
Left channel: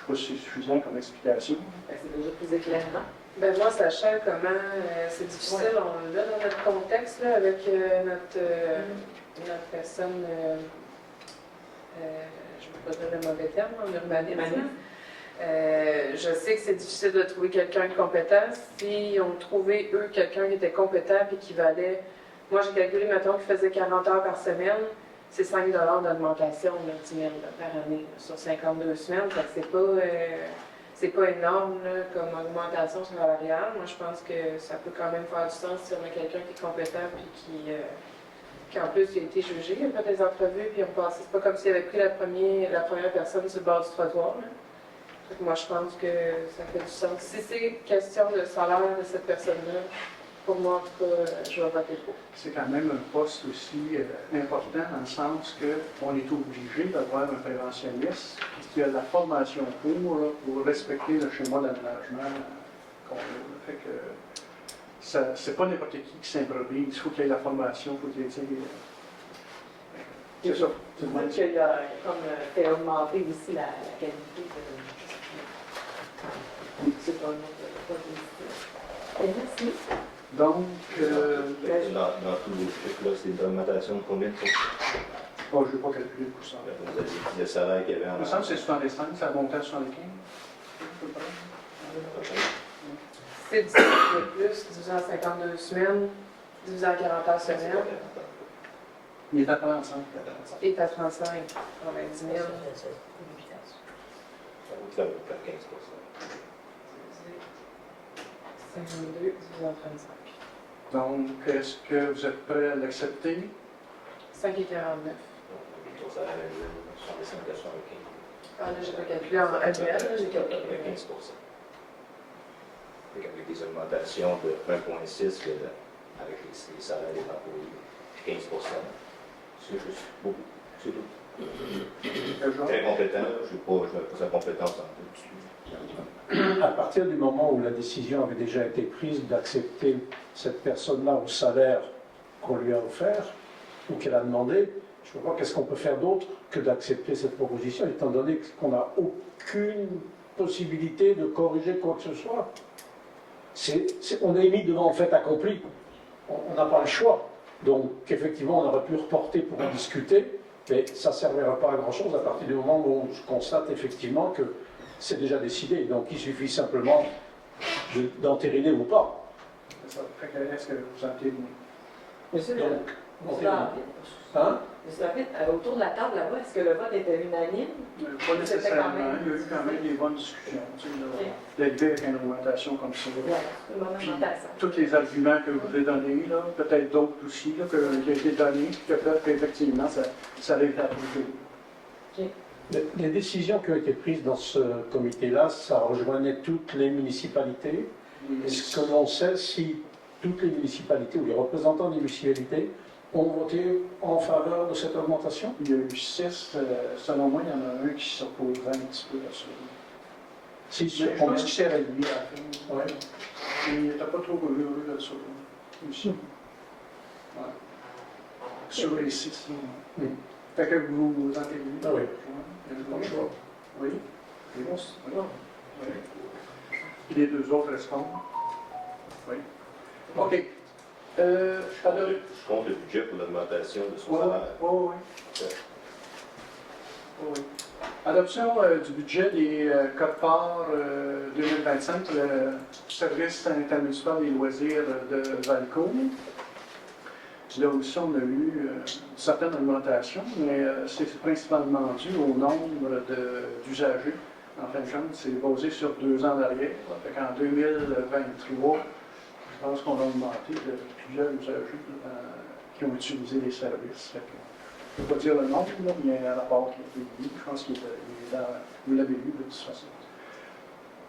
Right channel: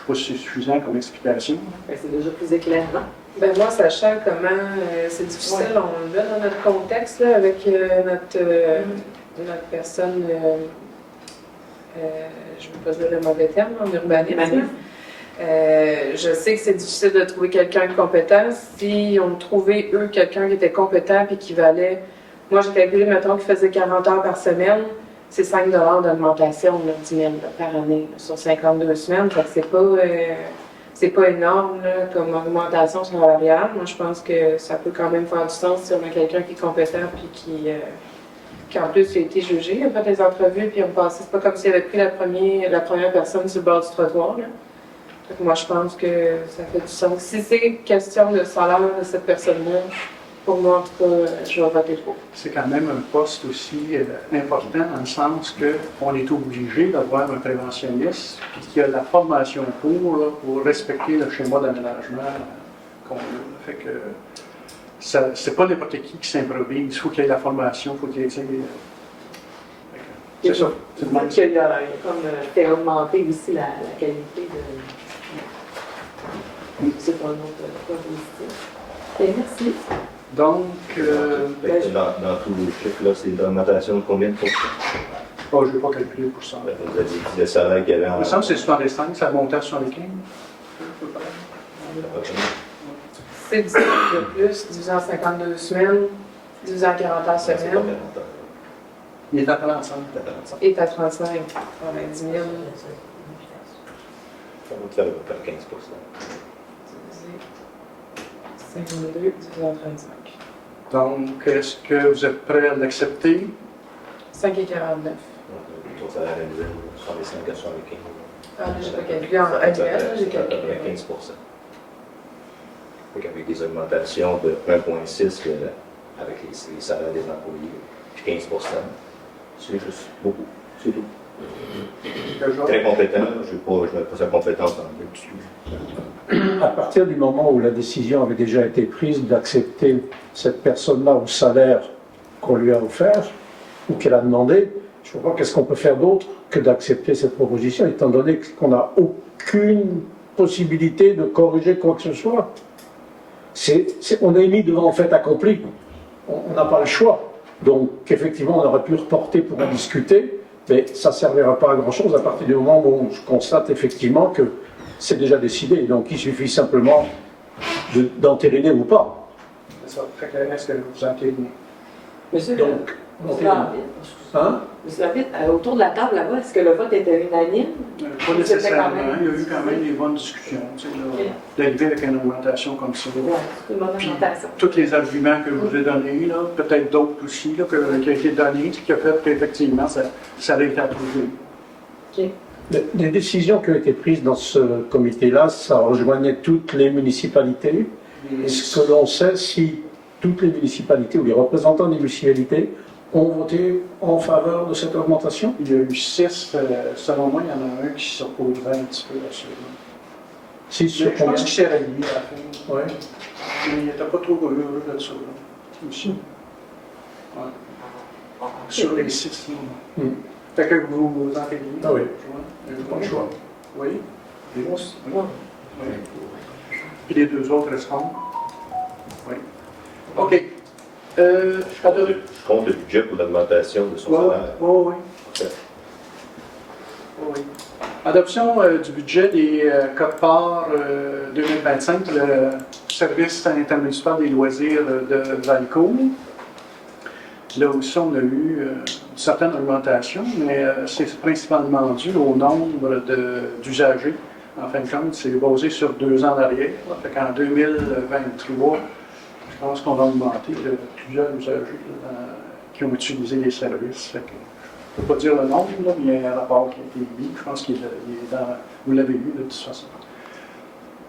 Je ne sais pas si c'est suffisant comme explication. C'est déjà plus éclairant. Ben moi, sachant comment c'est difficile, on le met dans notre contexte là, avec notre personne, je ne veux pas dire le mauvais terme, en urbanisme. Je sais que c'est difficile de trouver quelqu'un de compétent. Si on trouvait, eux, quelqu'un qui était compétent et qui valait... Moi, j'ai calculé, mettons, qu'il faisait 40 heures par semaine, c'est 5 $ d'augmentation, 10 000 par année, là, sur 52 semaines. Fait que c'est pas énorme là, comme augmentation salariale. Moi, je pense que ça peut quand même faire du sens si on a quelqu'un qui est compétent et qui en plus a été jugé. Il a fait des entrevues, puis c'est pas comme s'il avait pris la première personne sur le bord du trottoir. Là. Donc, moi, je pense que ça fait du sens. Si c'est question de salaire de cette personne-là, pour moi, en tout cas, je vais voter pour. C'est quand même un poste aussi important dans le sens qu'on est obligé d'avoir un préventionniste qui a la formation pour respecter le schéma d'aménagement qu'on a. Fait que c'est pas n'importe qui s'improvise. Il faut qu'il ait la formation, il faut qu'il ait... C'est ça. C'est le qu'il a comme fait augmenter aussi la qualité de... C'est un autre point positif. Merci. Donc, dans tous les chiffres, là, c'est une augmentation de combien de pourcents? Oh, je ne vais pas calculer pour ça. Vous avez dit le salaire qu'il y avait en... Il me semble que c'est 65, ça montait à 75. C'est 10 000 de plus, divisé en 52 semaines, divisé en 40 heures semaine. Il est à 35. Et à 35. Ouais, 10 000. Ça va te faire 15 52 divisé par 35. Donc, est-ce que vous êtes prêt à l'accepter? 5 et 49. Ton salaire annuel, 65 à 75. Ah, j'ai pas calculé en annuel, j'ai calculé. 15 Fait qu'avec des augmentations de 1,6 avec les salaires des employés, 15 c'est juste beaucoup. C'est tout. Très compétent, je n'ai pas sa compétence en dessus. À partir du moment où la décision avait déjà été prise d'accepter cette personne-là au salaire qu'on lui a offert ou qu'elle a demandé, je ne vois pas qu'est-ce qu'on peut faire d'autre que d'accepter cette proposition, étant donné qu'on n'a aucune possibilité de corriger quoi que ce soit. On est mis devant un fait accompli. On n'a pas le choix. Donc, effectivement, on aurait pu reporter pour en discuter, mais ça ne servira pas à grand-chose à partir du moment où je constate effectivement que c'est déjà décidé. Donc, il suffit simplement d'entériner ou pas. C'est ça. Fait que est-ce que vous entérinez? Monsieur, Donc, Monsieur Lambert, hein? Monsieur Lambert, autour de la table là-bas, est-ce que le vote était unanime? Pas nécessairement. Il y a eu quand même des bonnes discussions. Tu sais, d'arriver avec une augmentation comme ça. Oui, c'est une bonne augmentation. Tous les arguments que je vous ai donnés, là, peut-être d'autres aussi, là, qui ont été donnés, qui ont fait qu'effectivement, ça a été approuvé. OK. Les décisions qui ont été prises dans ce comité-là, ça rejoignait toutes les municipalités. Est-ce que l'on sait si toutes les municipalités ou les représentants des municipalités ont voté en faveur de cette augmentation? Il y a eu 6, selon moi, il y en a un qui s'opposait un petit peu à ça. 6 sur Je pense combien? qu'il s'est rallié à la fin. Ouais. Mais il n'était pas trop heureux de ça. Là. Aussi. Ouais. Sur les 6, là. Fait que vous vous entendez? Ah oui. Vous Pas le choix. Oui. Oui. Oui. Puis les deux autres restants? Oui. OK. Je compte le budget pour l'augmentation de son salaire. Oui. Oui. Adoption du budget des codes-parts 2025, le service intermunicipal des loisirs de Valcourt. Là aussi, on a eu une certaine augmentation, mais c'est principalement dû au nombre d'usagers. En fin de compte, c'est basé sur 2 ans d'arrière. En 2023, je pense qu'on va augmenter de plusieurs usagers qui ont utilisé les services. Je ne peux pas dire le nombre, là, mais il y a un rapport qui a été mis. Je pense qu'il est dans. Vous l'avez lu de toute façon.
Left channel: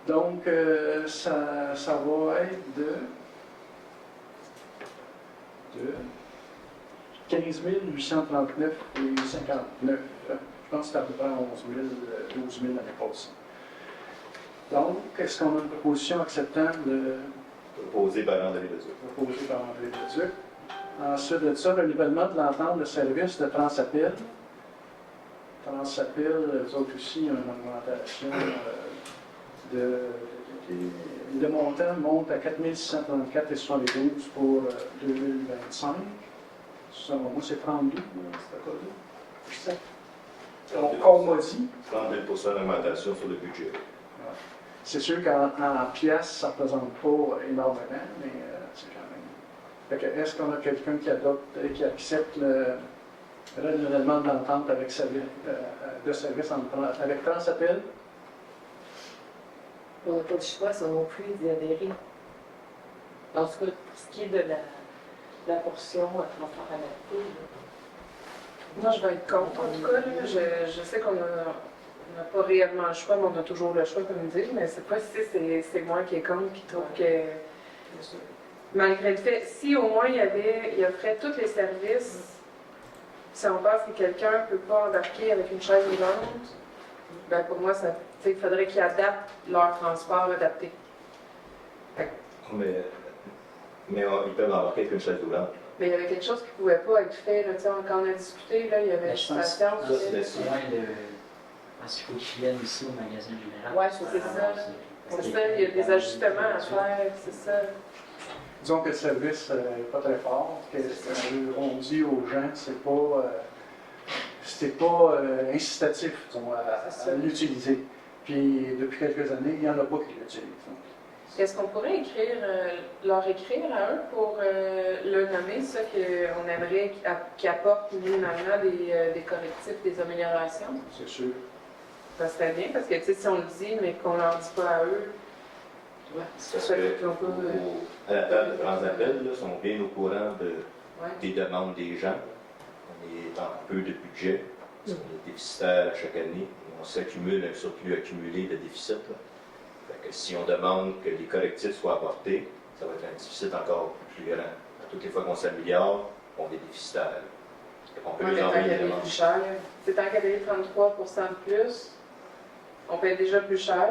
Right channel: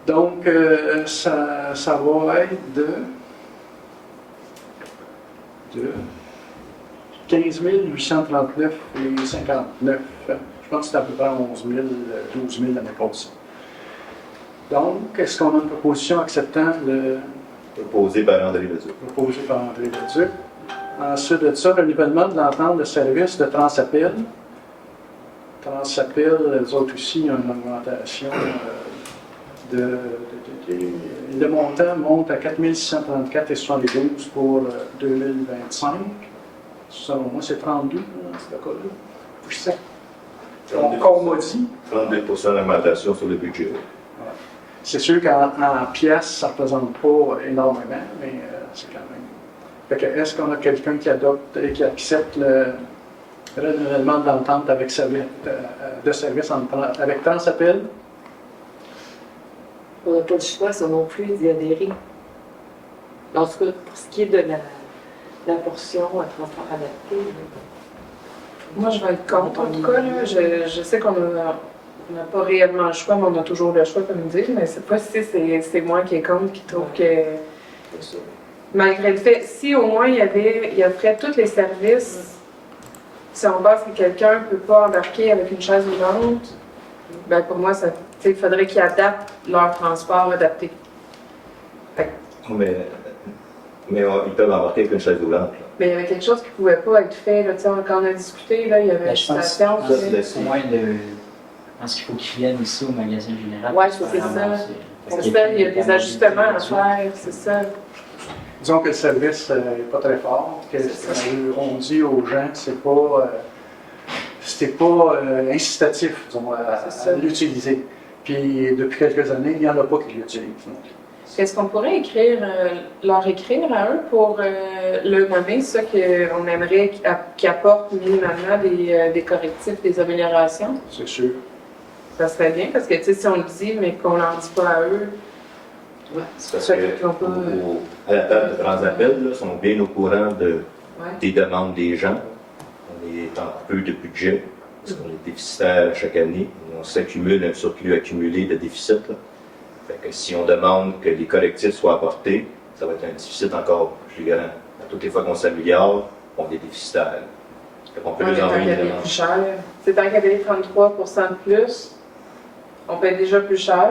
Donc, ça va être de 15 839 et 59. Je pense que c'est à peu près 11 000, 12 000 l'année passée. Donc, est-ce qu'on a une proposition acceptant le. Proposé par André Leduc. Proposé par André Leduc. Ensuite de ça, renouvellement de l'entente de service de Transapel. Transapel, eux autres aussi, ont une augmentation le montant monte à 4 634,72 pour 2025. Selon moi, c'est 32, ce cas-là. Puis ça. On m'a dit. 32% d'augmentation sur le budget. Voilà. C'est sûr qu'en pièces, ça ne représente pas énormément, mais c'est quand même. Fait que, est-ce qu'on a quelqu'un qui adopte et qui accepte le renouvellement de l'entente avec de service avec Transapel? On n'a pas le choix, ça non plus, d'y adhérer. En tout cas, pour ce qui est de la portion à transport adapté. Moi, je vais être contre, en tout cas. Là. Je sais qu'on n'a pas réellement le choix, mais on a toujours le choix, comme dire. Mais cette fois-ci, c'est moi qui est contre, qui trouve que, malgré le fait, si au moins il offrait tous les services, si on pense que quelqu'un ne peut pas embarquer avec une chaise roulante, ben pour moi, il faudrait qu'ils adaptent leur transport adapté. Mais ils peuvent embarquer avec une chaise roulante. Là. Mais il y avait quelque chose qui ne pouvait pas être fait. Là, quand on a discuté, là, il y avait une station. Je pense qu'il faut qu'ils viennent ici au magasin général. Oui, c'est ça. Il y a des ajustements à faire, c'est ça. Disons que le service n'est pas très fort. On dit aux gens que c'est pas incitatif, disons, à l'utiliser. Puis depuis quelques années, il n'y en a pas qui l'utilisent. Est-ce qu'on pourrait leur écrire à eux pour le nommer, ça qu'on aimerait qu'ils apportent minimalement des correctifs, des améliorations? C'est sûr. Ça serait bien, parce que, tu sais, si on le dit, mais qu'on ne leur dit pas à eux, C'est parce à la table de grands appels, là, sont bien au courant des demandes des gens. On est en peu de budget, parce qu'on est déficitaire chaque année. On s'accumule un surplus accumulé de déficit. Là. Fait que si on demande que les correctifs soient apportés, ça va être un déficit encore plus grand. À toutes les fois qu'on s'améliore, on est déficitaire. Fait qu'on peut on les est en envoyer qu'à des payer demandes. plus cher. C'est tant qu'à payer 33% de plus, on paye déjà plus cher.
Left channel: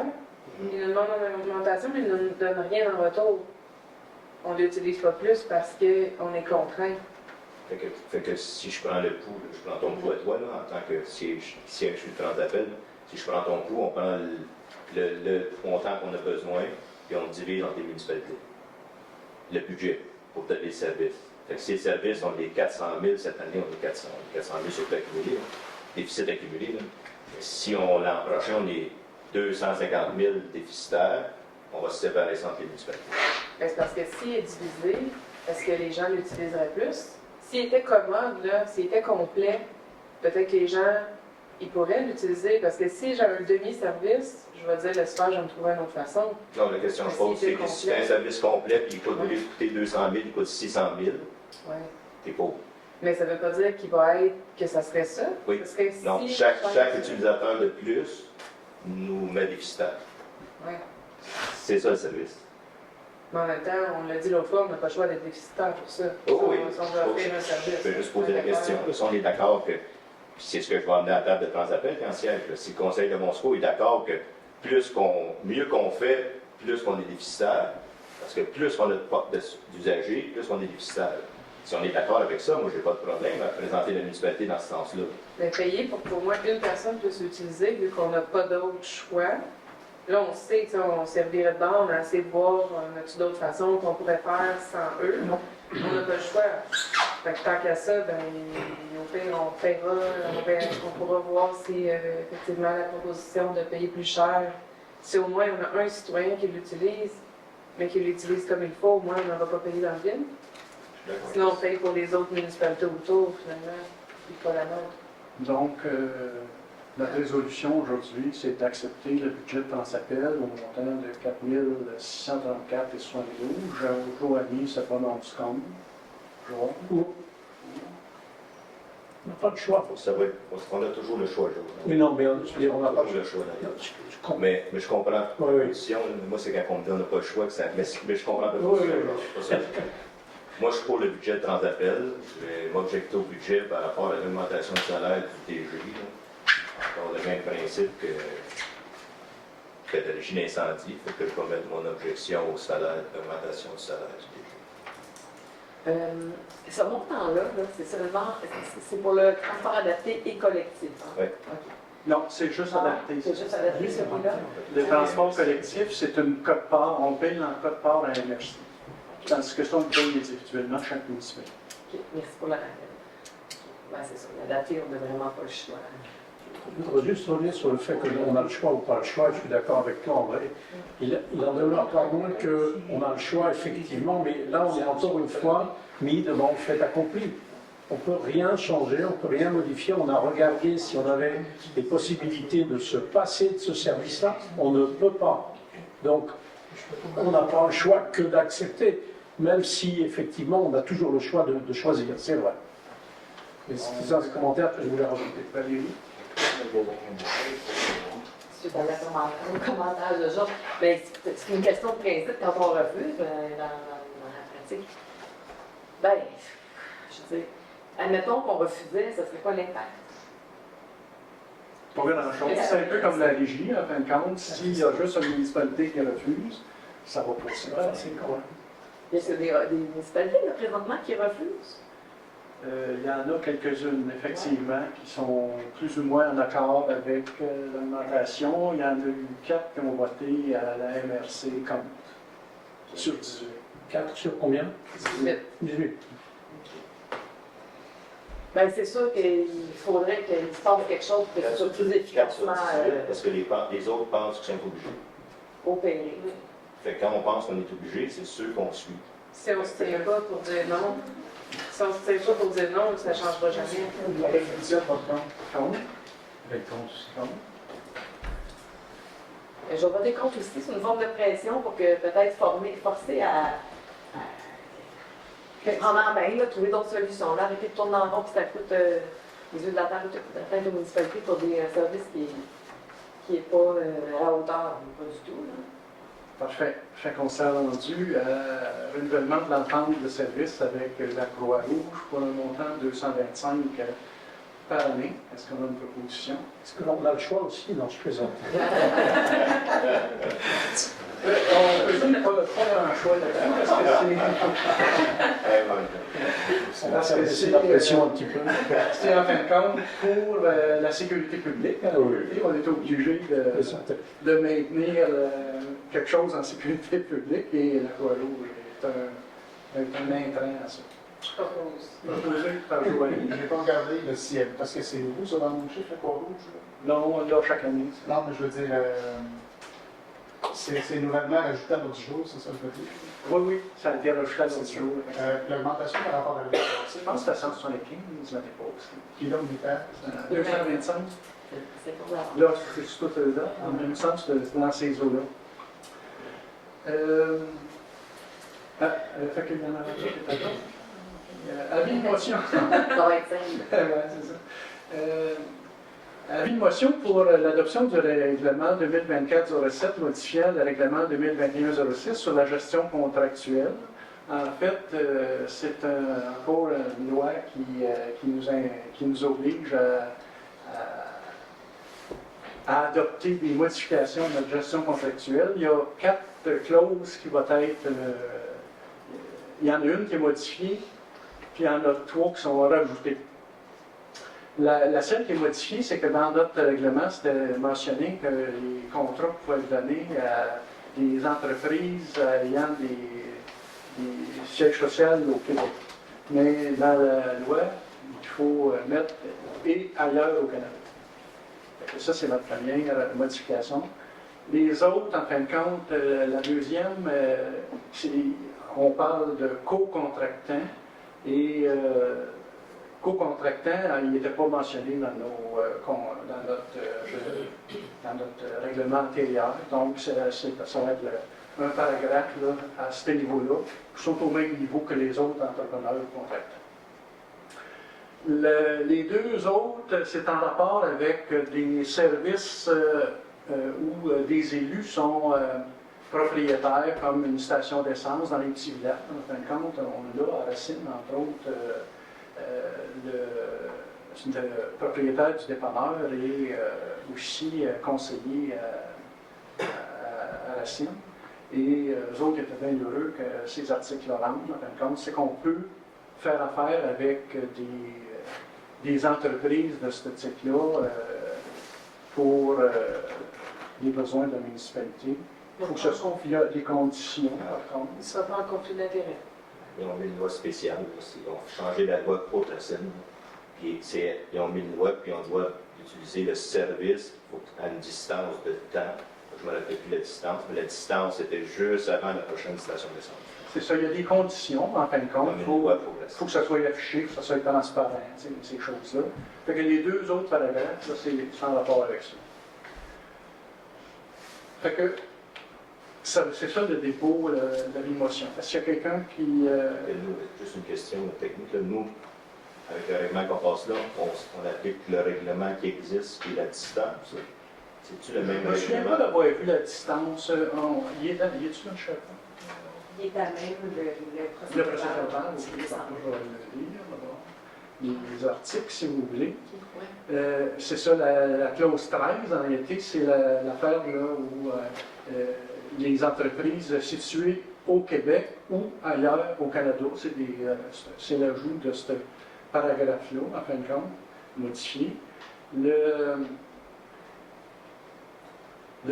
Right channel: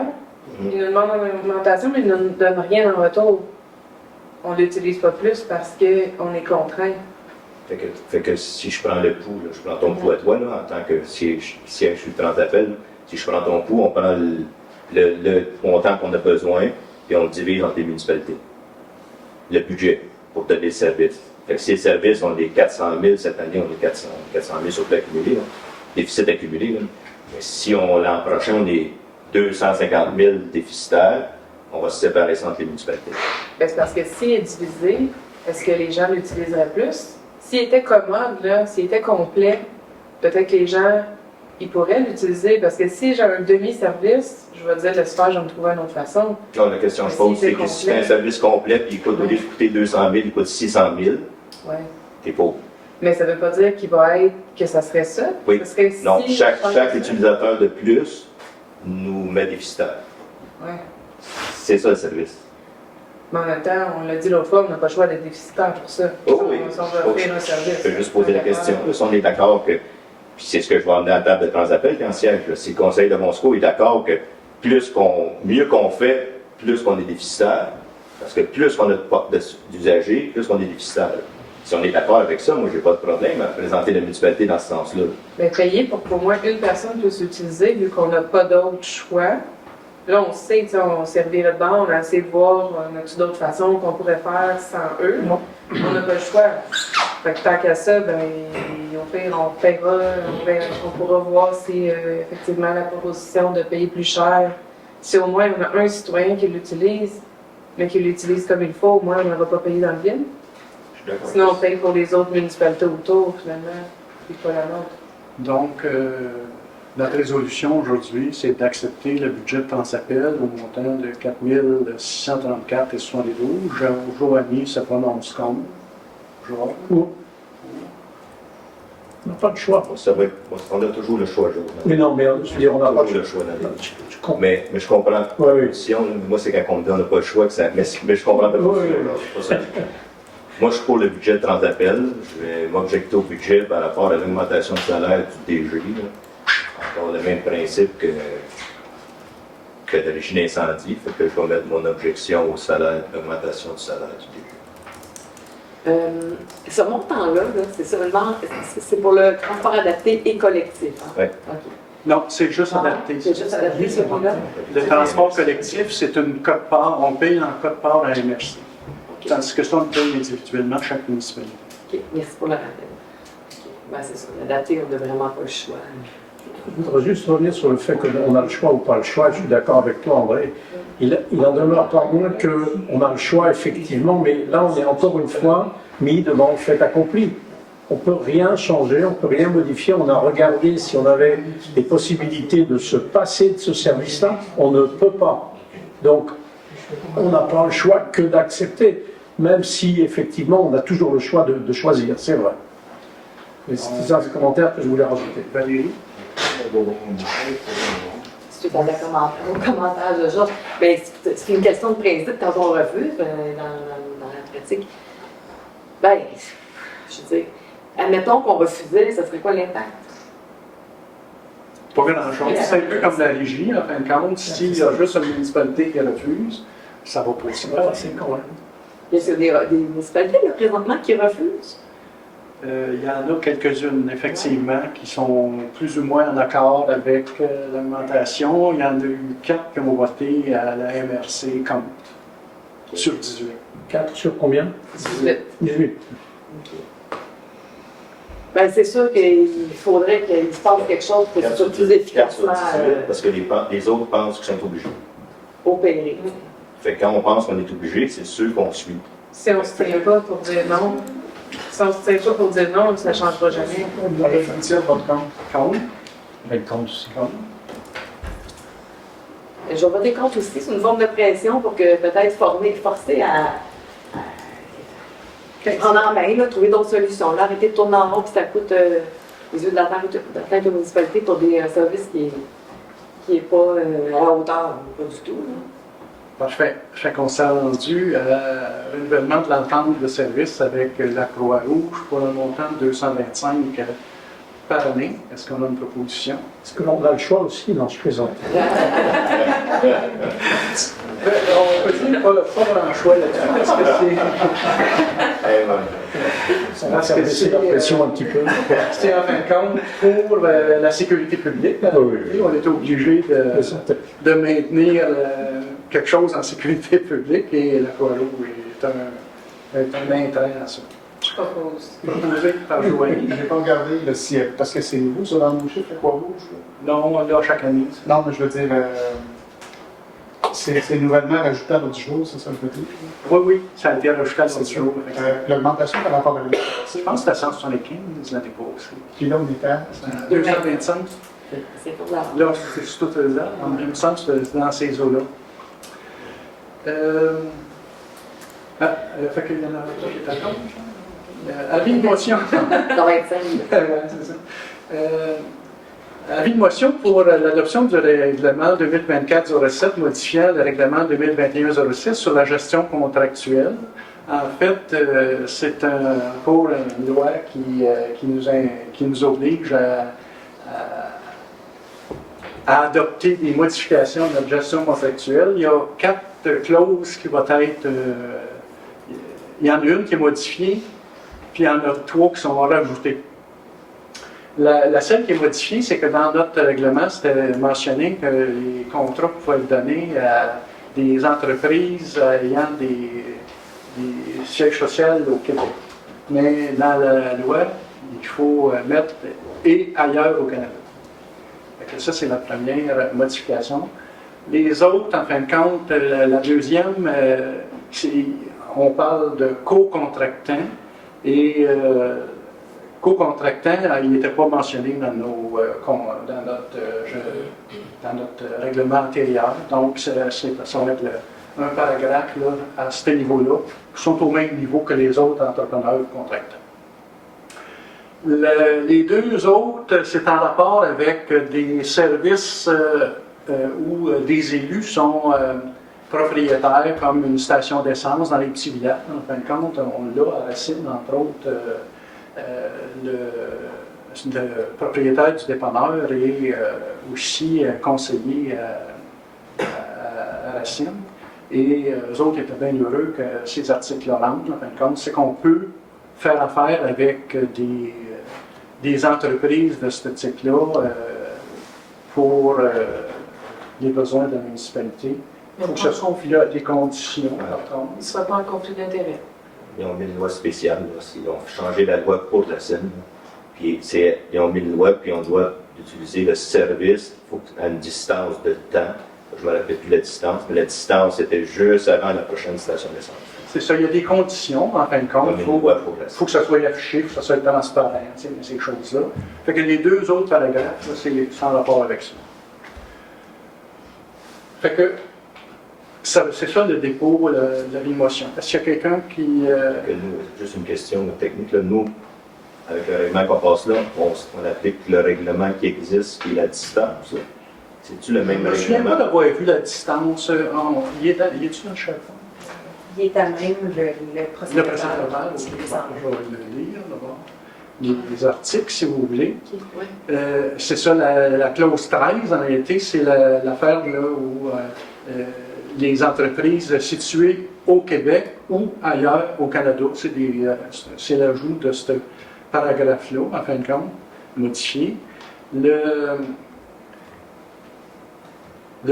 Ils nous demandent une augmentation, mais ils ne nous donnent rien en retour. On ne l'utilise pas plus parce qu'on est contraint. Fait que si je prends le pouls, là, je prends ton pouls à toi, là, en tant que siège sur le plan d'appel, si je prends ton pouls, on prend le montant qu'on a besoin et on le divise entre les municipalités. Le budget pour donner le service. Fait que si le service, on est 400 000, cette année, on est 400 000 sur le accumulé, là, déficit accumulé. Là. Mais si l'an prochain, on est 250 000 déficitaires, on va se séparer ça entre les municipalités. Ben, c'est parce que s'il est divisé, est-ce que les gens l'utiliseraient plus? S'il était commode, là, s'il était complet, peut-être que les gens, ils pourraient l'utiliser. Parce que si j'ai un demi-service, je vais dire, laisse faire, je vais me trouver une autre façon. Non, la question que je pose, c'est que si tu as un service complet, puis au lieu de coûter 200 000, il coûte 600 000, Ouais. t'es pauvre. Mais ça ne veut pas dire qu'il va être, que ça serait ça. Oui. Ça serait Donc, si chaque utilisateur de plus nous met déficitaire. Ouais. C'est ça le service. Mais en même temps, on l'a dit l'autre fois, on n'a pas le choix d'être déficitaire pour ça. Oh oui. Si on veut offrir un service. Je peux juste poser la question. Là, si on est d'accord que, puis c'est ce que je vais emmener à la table de transappel quand siège, là, si le conseil de Monsco est d'accord que mieux qu'on fait, plus qu'on est déficitaire, parce que plus qu'on a d'usagers, plus qu'on est déficitaire. Si on est d'accord avec ça, moi, j'ai pas de problème à présenter la municipalité dans ce sens-là. Mais payer pour qu'au moins une personne puisse l'utiliser, vu qu'on n'a pas d'autre choix. Là, on sait, on servirait de banc, on a essayé de voir, on a-tu d'autres façons qu'on pourrait faire sans eux. On n'a pas le choix. Fait que tant qu'à ça, ben, au pire, on paiera, on pourra voir si effectivement la proposition de payer plus cher, si au moins on a un citoyen qui l'utilise, mais qui l'utilise comme il faut, au moins on ne va pas payer dans le vide. Sinon, on paye pour les autres municipalités autour, finalement, puis pas la nôtre. Donc, notre résolution aujourd'hui, c'est d'accepter le budget de Transappel au montant de 4 634,72. Joanie se prononce comme. Joanie. On n'a pas de choix. On a toujours le choix, Joe. Mais non, mais je veux dire, on n'a pas de choix. le choix dans les... mais je comprends. Oui, oui. Si moi, c'est quand on me dit on n'a pas le choix, que ça... mais je comprends pas ça. Moi, je suis pour le budget de Transappel. Je vais m'objecter au budget par rapport à l'augmentation de salaire du DG. Encore le même principe que d'origine incendie. Fait que je vais mettre mon objection au salaire, l'augmentation du salaire du DG. Ce montant-là, c'est seulement c'est pour le transport adapté et collectif. Hein? Oui. Okay. Non, c'est juste adapté. C'est juste adapté, ce point-là? Le transport collectif, c'est une cote-part. On paye en cote-part à MRC. Okay. Tandis que ça, on paye individuellement chaque municipalité. OK, merci pour le rappel. Ben, c'est ça, l'adapté, on n'a vraiment pas le choix. Je voudrais juste revenir sur le fait qu'on a le choix ou pas le choix. Je suis d'accord avec toi, André. Il en demeure pas moins qu'on a le choix, effectivement, mais là, on est encore une fois mis devant le fait accompli. On ne peut rien changer, on ne peut rien modifier. On a regardé si on avait les possibilités de se passer de ce service-là. On ne peut pas. Donc, on n'a pas le choix que d'accepter, même si, effectivement, on a toujours le choix de choisir, c'est vrai. Et c'est ça le commentaire que je voulais rajouter. Valérie? Si tu as un commentaire de genre, ben, c'est une question de principe quand on refuse dans la pratique. Ben, je veux dire, admettons qu'on refusait, ça serait quoi l'impact? Pas grand-chose. C'est un peu comme la régie, en fin de compte. S'il y a juste une municipalité qui refuse, ça va pas se passer quand même. Il y a des municipalités là, présentement qui refusent. Il y en a quelques-unes, effectivement, qui sont plus ou moins en accord avec l'augmentation. Il y en a eu 4 qui ont voté à la MRC contre, sur 18. 4 sur combien? 18. 18. Ben, c'est sûr qu'il faudrait qu'il se passe quelque chose pour que ce soit plus efficacement Parce que les autres pensent qu'ils sont obligés. opéré. Fait que quand on pense qu'on est obligé, c'est sûr qu'on suit. Si on ne se tient pas pour dire non, si on ne se tient pas pour dire non, ça ne changera jamais. On va faire votre compte. Contre? On va être contre aussi. je vais voter contre aussi. C'est une forme de pression pour que peut-être forcer à prendre en main, là, trouver d'autres solutions. Là, arrêter de tourner en rond, puis ça coûte les yeux de la tête de municipalité pour des services qui n'est pas à la hauteur, pas du tout. Bon, je fais constat rendu renouvellement de l'entente de service avec la Croix-Rouge pour un montant de 225 par année. Est-ce qu'on a une proposition? Est-ce que l'on a le choix aussi? Non, je plaisante. On peut dire pas un choix là-dessus parce que c'est la pression un petit peu. C'est en fin de compte pour la sécurité publique. Oui. On était obligé de maintenir quelque chose en sécurité publique et la Croix-Rouge est un intrant à ça. Je propose. Proposé par Joanie. Je n'ai pas regardé le ciel, parce que c'est nouveau ça dans nos chiffres, la Croix-Rouge. Non, on l'a chaque année. Non, mais je veux dire, c'est nouvellement rajouté à l'autre jour, c'est ça le petit? Oui, ça a été rajouté à l'autre jour. L'augmentation par rapport à l'année Je pense que c'était 175 l'année passée. Puis là, on était à 225. C'est pour la... Là, c'est tout là. Il me semble que c'est dans ces eaux-là. Fait qu'il y en a qui est à gauche. Avis de motion. Ça va être 5. C'est ça. Avis de motion pour l'adoption du règlement 2024-07 modifiant le règlement 2021-06 sur la gestion contractuelle. En fait, c'est pour une loi qui nous oblige à adopter des modifications de notre gestion contractuelle. Il y a 4 clauses qui vont être... il y en a une qui est modifiée, puis il y en a 3 qui sont rajoutées. La seule qui est modifiée, c'est que dans notre règlement, c'était mentionné que les contrats pouvaient être donnés à des entreprises ayant des sièges sociaux au Québec. Mais dans la loi, il faut mettre « et ailleurs au Canada ». Ça, c'est la première modification. Les autres, en fin de compte, la deuxième, on parle de co-contractant et co-contractant, il n'était pas mentionné dans notre règlement antérieur. Donc, ça va être un paragraphe là, à ce niveau-là, qui sont au même niveau que les autres entrepreneurs contractants. Les 2 autres, c'est en rapport avec des services où des élus sont propriétaires, comme une station d'essence dans les petits villages. En fin de compte, on l'a à Racine, entre autres, le propriétaire du dépanneur et aussi conseiller à Racine. Et eux autres étaient bien heureux que ces articles-là rentrent. En fin de compte, c'est qu'on peut faire affaire avec des entreprises de ce type-là pour les besoins de la municipalité. Il faut que ce soit des conditions, par contre. Il ne sera pas en conflit d'intérêt. Ils ont mis une loi spéciale. Ils ont changé la loi pour la Seine. Puis ils ont mis une loi, puis on doit utiliser le service à une distance de temps. Je ne me rappelle plus la distance, mais la distance était juste avant la prochaine station d'essence. C'est ça, il y a des conditions, en fin de compte. Il faut que ça soit affiché, il faut que ça soit transparent, ces choses-là. Fait que les 2 autres paragraphes, c'est sans rapport avec ça. Fait que c'est ça le dépôt de l'émotion. Est-ce qu'il y a quelqu'un qui... Nous, juste une question technique. Là, nous, avec le règlement qu'on passe là, on applique le règlement qui existe, qui est la distance. C'est-tu le même règlement? Je ne me souviens pas d'avoir vu la distance. Il est-tu dans le chapeau? Il est à même le procédé. Le procédé verbal, je vais le lire d'abord. Les articles, si vous voulez. C'est ça, la clause 13, en réalité, c'est l'affaire là où les entreprises situées au Québec ou ailleurs au Canada, c'est l'ajout de ce paragraphe-là, en fin de compte, modifié. Le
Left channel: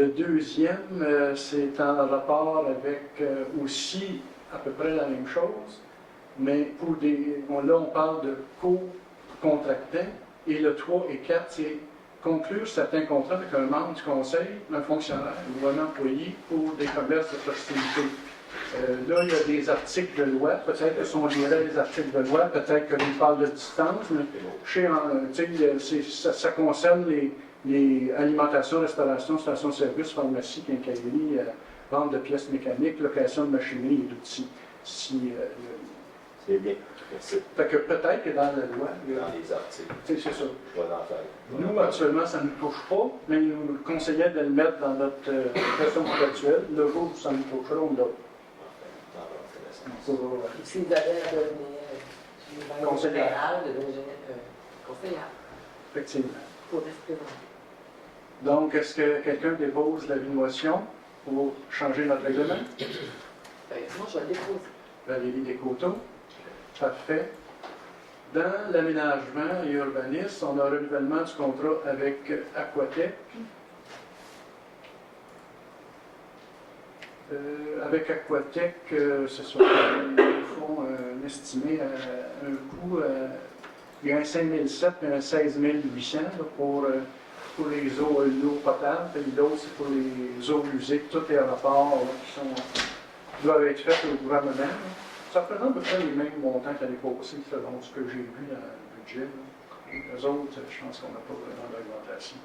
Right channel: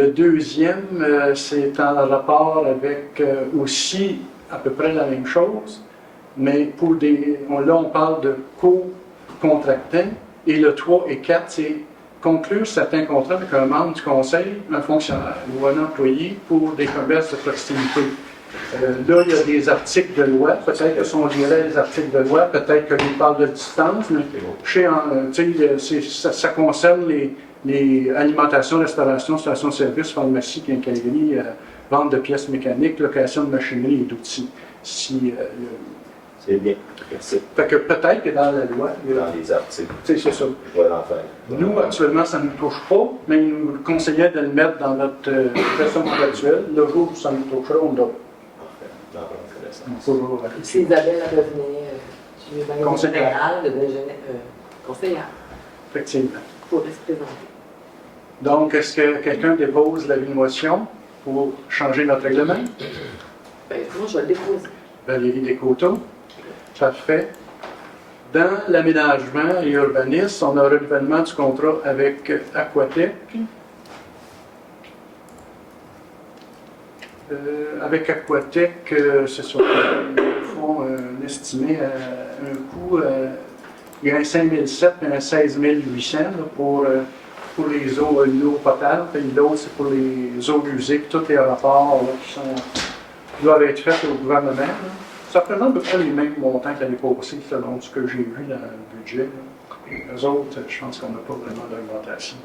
deuxième, c'est en rapport avec aussi à peu près la même chose, mais là on parle de co-contractants, et le 3 et 4, c'est conclure certains contrats avec un membre du conseil, un fonctionnaire ou un employé pour des commerces de proximité. Là, il y a des articles de loi. Peut-être que si on lirait les articles de loi, peut-être que nous parle de distance, mais ça concerne les alimentations, restauration, station-service, pharmacie, quincaillerie, vente de pièces mécaniques, location de machinerie et d'outils. C'est bien. Merci. Fait que peut-être que dans la loi, Dans les articles. c'est ça. Je vais l'en faire. Nous, actuellement, ça ne nous touche pas, mais il nous conseillait de le mettre dans notre version actuelle. Le jour où ça nous touchera, on doit. Si Isabelle revenait du magasin Conseillère. général, conseillère, Effectivement. pour se présenter. Donc, est-ce que quelqu'un dépose la motion pour changer notre règlement? Ben, moi, je vais le déposer. Valérie Descoteaux. Parfait. Dans l'aménagement et l'urbanisme, on a un renouvellement du contrat avec Aquatec. Avec Aquatec, c'est sur le fond estimé à un coût, il y a un 5 700 et un 16 800 là, pour les eaux potables, et l'autre c'est pour les eaux usées, tous les rapports là, qui doivent être faits au gouvernement. Là. Ça représente à peu près les mêmes montants que l'année passée, selon ce que j'ai vu dans le budget. Là. Les autres, je pense qu'on n'a pas vraiment d'augmentation.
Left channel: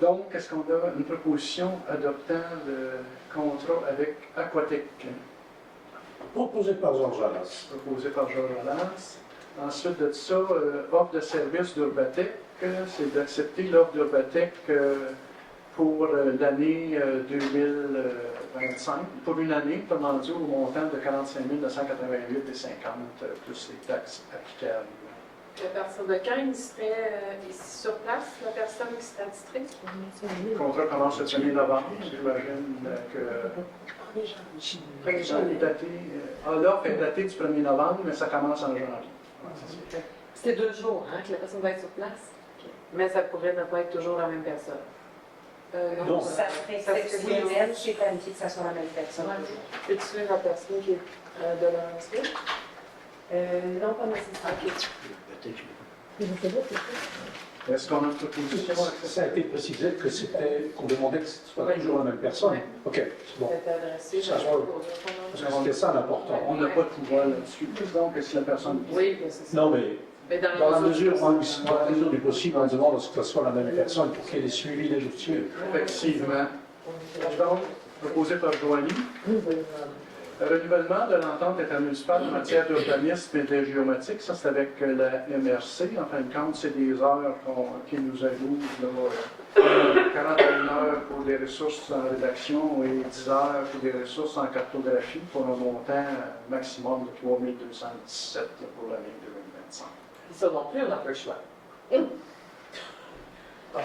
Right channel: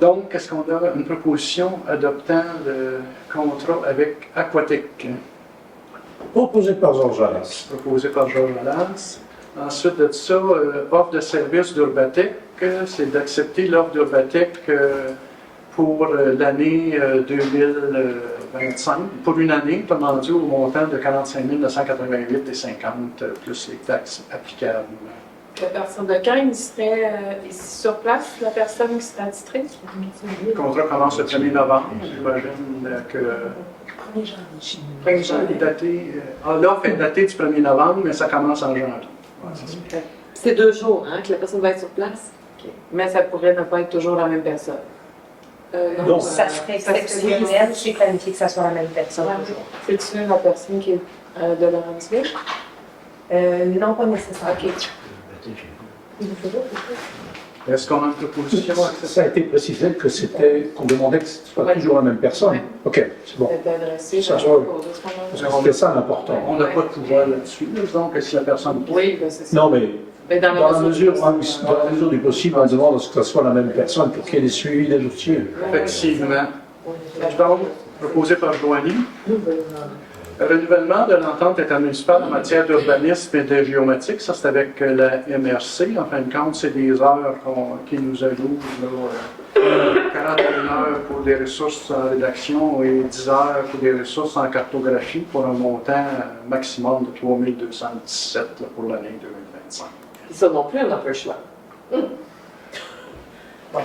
Donc, est-ce qu'on a une proposition adoptant le contrat avec Aquatec? Proposé par Georges Alas. Proposé par Georges Alas. Ensuite de ça, offre de service d'Urbatec, c'est d'accepter l'offre d'Urbatec pour l'année 2025, pour une année, autrement dit, au montant de 45 988,50 plus les taxes applicables. À partir de quand il serait ici sur place, la personne qui serait attitrée? Le contrat commence le 1er novembre. J'imagine que. 1er janvier. L'offre est datée du 1er novembre, mais ça commence en janvier. Ouais, c'est ça. C'est 2 jours que la personne va être sur place. Okay. Mais ça pourrait ne pas être toujours la même personne. Non. Ça serait exceptionnel, j'ai planifié que ça soit la même personne. C'est-tu la personne qui est de Laurentier? Non, pas nécessairement. Est-ce qu'on a une proposition? Ça a été précisé que c'était, qu'on demandait que ce soit toujours la même personne. Ouais. Ok, c'est bon. C'est adressé, Ça, je ouais. sais C'est ça l'important. On n'a pas de pouvoir là-dessus, donc si la personne. Oui, ben c'est ça. Non, mais Mais dans dans la mesure du possible, on demande à ce que ce soit la même personne pour qu'il y ait des suivis des dossiers. Effectivement. Donc, proposé par Joanie. Renouvellement de l'entente intermunicipale en matière d'urbanisme et de géomatique, ça c'est avec la MRC. En fin de compte, c'est des heures qui nous allouent, 41 heures pour des ressources en rédaction et 10 heures pour des ressources en cartographie pour un montant maximum de 3 217 là, pour l'année 2025. Et ça non plus, on n'a pas le choix.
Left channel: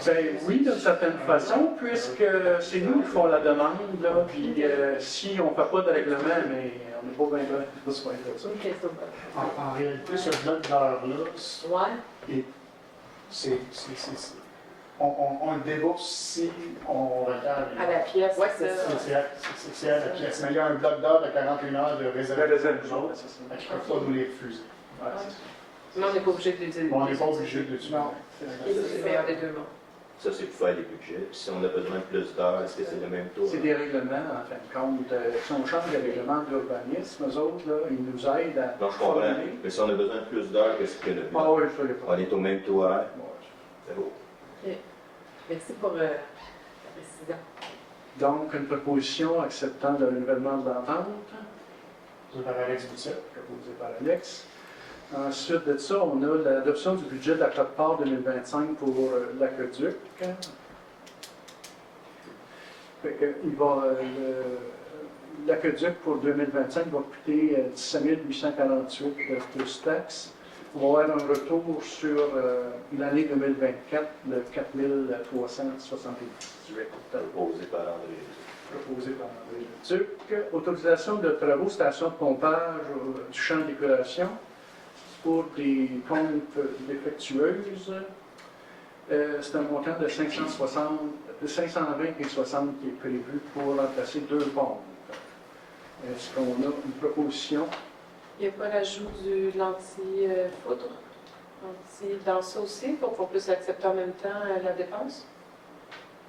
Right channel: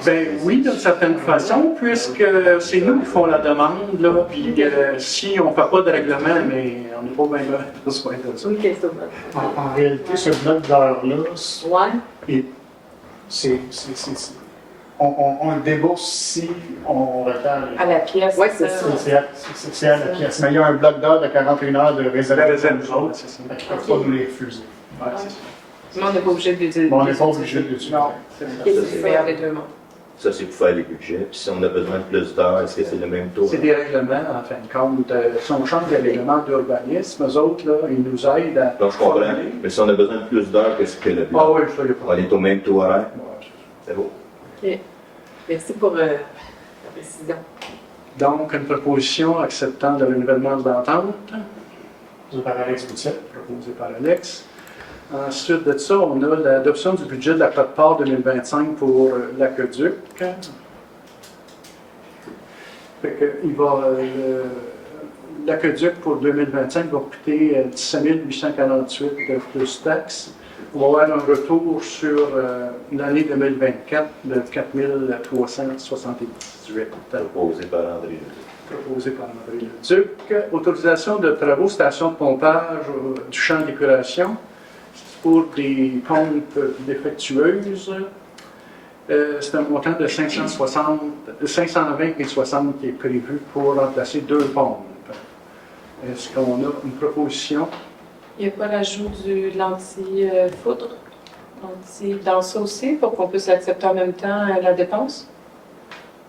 Ben oui, d'une certaine façon, puisque c'est nous qui font la demande, là, puis si on ne fait pas de règlement, mais on n'a pas bien besoin de ça. OK, c'est bon. En réalité, ce bloc d'heures-là, Ouais. on le débourse si on retarde. À la pièce. Oui, c'est ça. C'est à la pièce. Mais il y a un bloc d'heures de 41 heures de réserve pour nous autres. c'est ça. Fait qu'ils ne peuvent pas nous les refuser. Ouais, c'est ça. Mais on n'est pas obligé d'utiliser. Mais on n'est pas obligé de l'utiliser. Non, c'est ça. C'est faire les deux mondes. Ça, c'est pour faire les budgets. Puis si on a besoin de plus d'heures, est-ce que c'est le même taux? C'est des règlements, en fin de compte. Si on change les règlements d'urbanisme, eux autres, là, ils nous aident à. Donc, je comprends. Mais si on a besoin de plus d'heures, qu'est-ce que le Ah bloc? oui, je ne sais pas. On est au même taux horaire? Ouais, C'est beau. OK. Merci pour la précision. donc, une proposition acceptant le renouvellement de l'entente, C'est par Alex Boutier. proposée par Alex. Ensuite de ça, on a l'adoption du budget de la quote-part 2025 pour l'aqueduc. L'aqueduc pour 2025 va coûter 17 848 plus taxes. On va avoir un retour sur l'année 2024 de 4 378. Proposé par André Leduc. Proposé par André Leduc. Autorisation de travaux station de pompage du champ d'épuration pour des pompes défectueuses. C'est un montant de 520 et 60 qui est prévu pour remplacer 2 pompes. Est-ce qu'on a une proposition? Il n'y a pas l'ajout de l'anti-foudre dans ça aussi pour qu'on puisse accepter en même temps la dépense?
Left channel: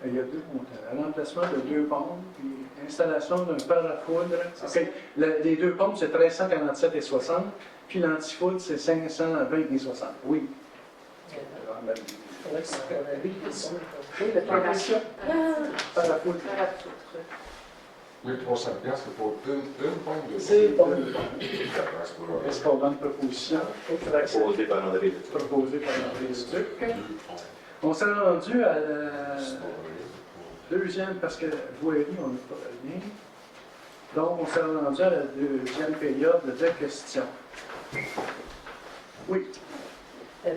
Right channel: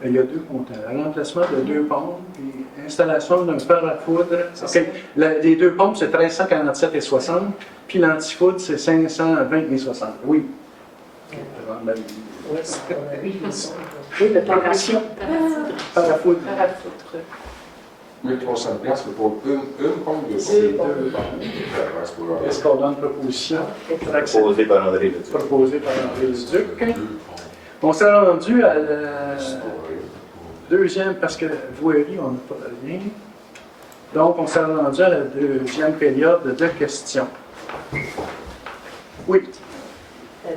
Il y a deux montants. Remplacement de 2 pompes, puis installation d'un fer à foudre. OK. Les 2 pompes, c'est 1347,60, puis l'antifoudre, c'est 520,60. Oui. Oui, c'est ce qu'on a vu. Oui, le plan d'action. Fer à foudre. 1300 piastres pour une pompe de Deux CO2. pompes. Est-ce qu'on donne proposition? Proposé par André Leduc. Proposé par André Leduc. On s'est rendu à la deuxième, parce que voirie, on n'a pas de lien. Donc, on s'est rendu à la deuxième période de questions. Oui,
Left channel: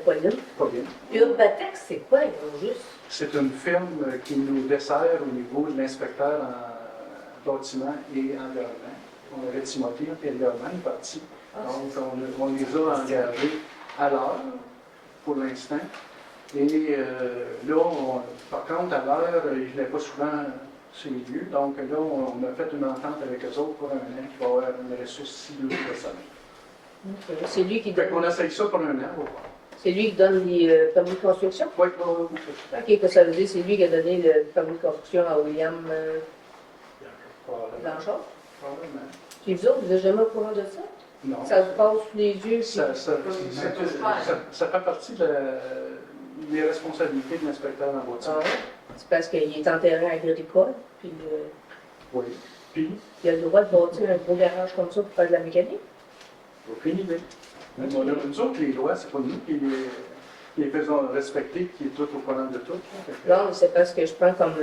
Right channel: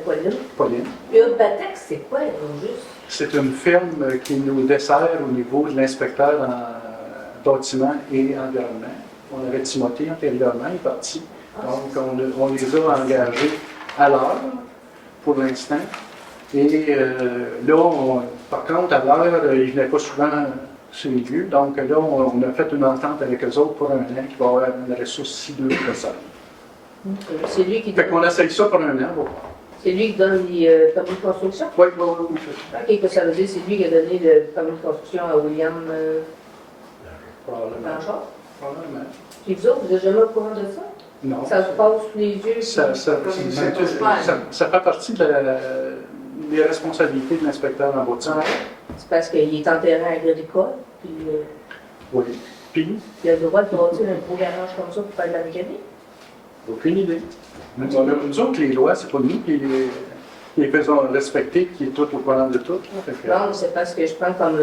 Pauline. Pauline. Urbatex, c'est quoi, au juste? C'est une firme qui nous dessert au niveau de l'inspecteur en bâtiment et environnement. On avait Timothée antérieurement, il est parti. Donc, on les a engagés à l'heure, pour l'instant. Et là, par contre, à l'heure, ils ne venaient pas souvent sur les lieux. Donc là, on a fait une entente avec eux autres pour un an qui va avoir une ressource si 2 personnes. C'est lui qui Fait donne, qu'on essaye ça pour un an. c'est lui qui donne les permis de construction? Oui, oui, oui. OK, que ça veut dire c'est lui qui a donné le permis de construction à William Probablement. Blanchard? Probablement. Puis vous autres, vous n'êtes jamais au courant de ça? Non. Ça vous passe sous les yeux? Ça fait partie des responsabilités de l'inspecteur en bâtiment. C'est parce qu'il est en terrain agricole, puis Oui. Puis, il a le droit de bâtir un gros garage comme ça pour faire de la mécanique? aucune idée. Nous autres, les lois, c'est pas nous qui les faisons respecter, qui est tout au courant de tout. Là. Fait que- Non, c'est parce que je prends comme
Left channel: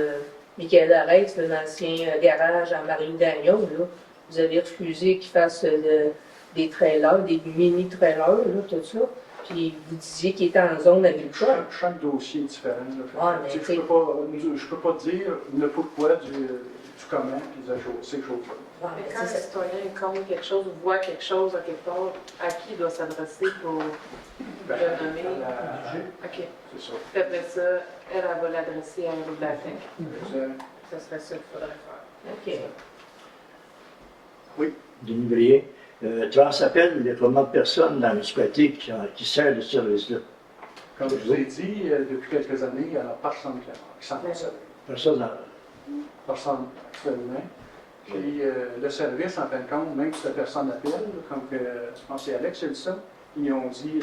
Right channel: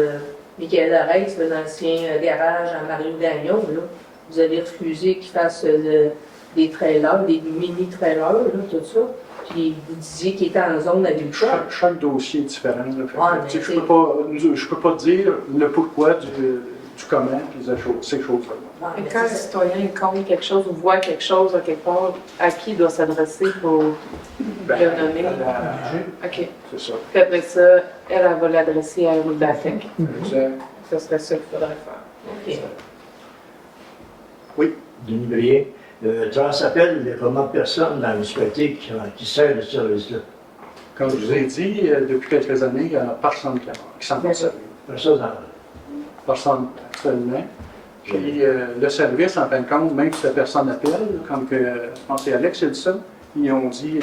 Michael Arès, l'ancien garage en Marine d'Agnon, là. Vous avez refusé qu'il fasse des trailers, des mini-trailers, là, tout ça. Puis vous disiez qu'il était en zone agricole. Chaque dossier est différent. Là. Fait que, Ouais, mais tu sais, je peux pas dire le pourquoi du comment, puis ces choses-là. Ah, Et mais quand un c'est ça. citoyen compte quelque chose ou voit quelque chose à quelque part, à qui il doit s'adresser pour Ben, le nommer? OK. C'est ça. Puis après ça, elle va l'adresser à Urbatex. Exact. Ce serait ça qu'il faudrait faire. OK. Denis Brier, Transappel, il y a combien de personnes dans la municipalité qui servent de ce service-là? Comme je vous ai dit, depuis quelques années, il n'y a personne qui s'en sert. Personne dans Personne actuellement. Puis le service, en fin de compte, même si la personne appelle, comme que, je pense que c'est Alex qui a dit ça, ils ont dit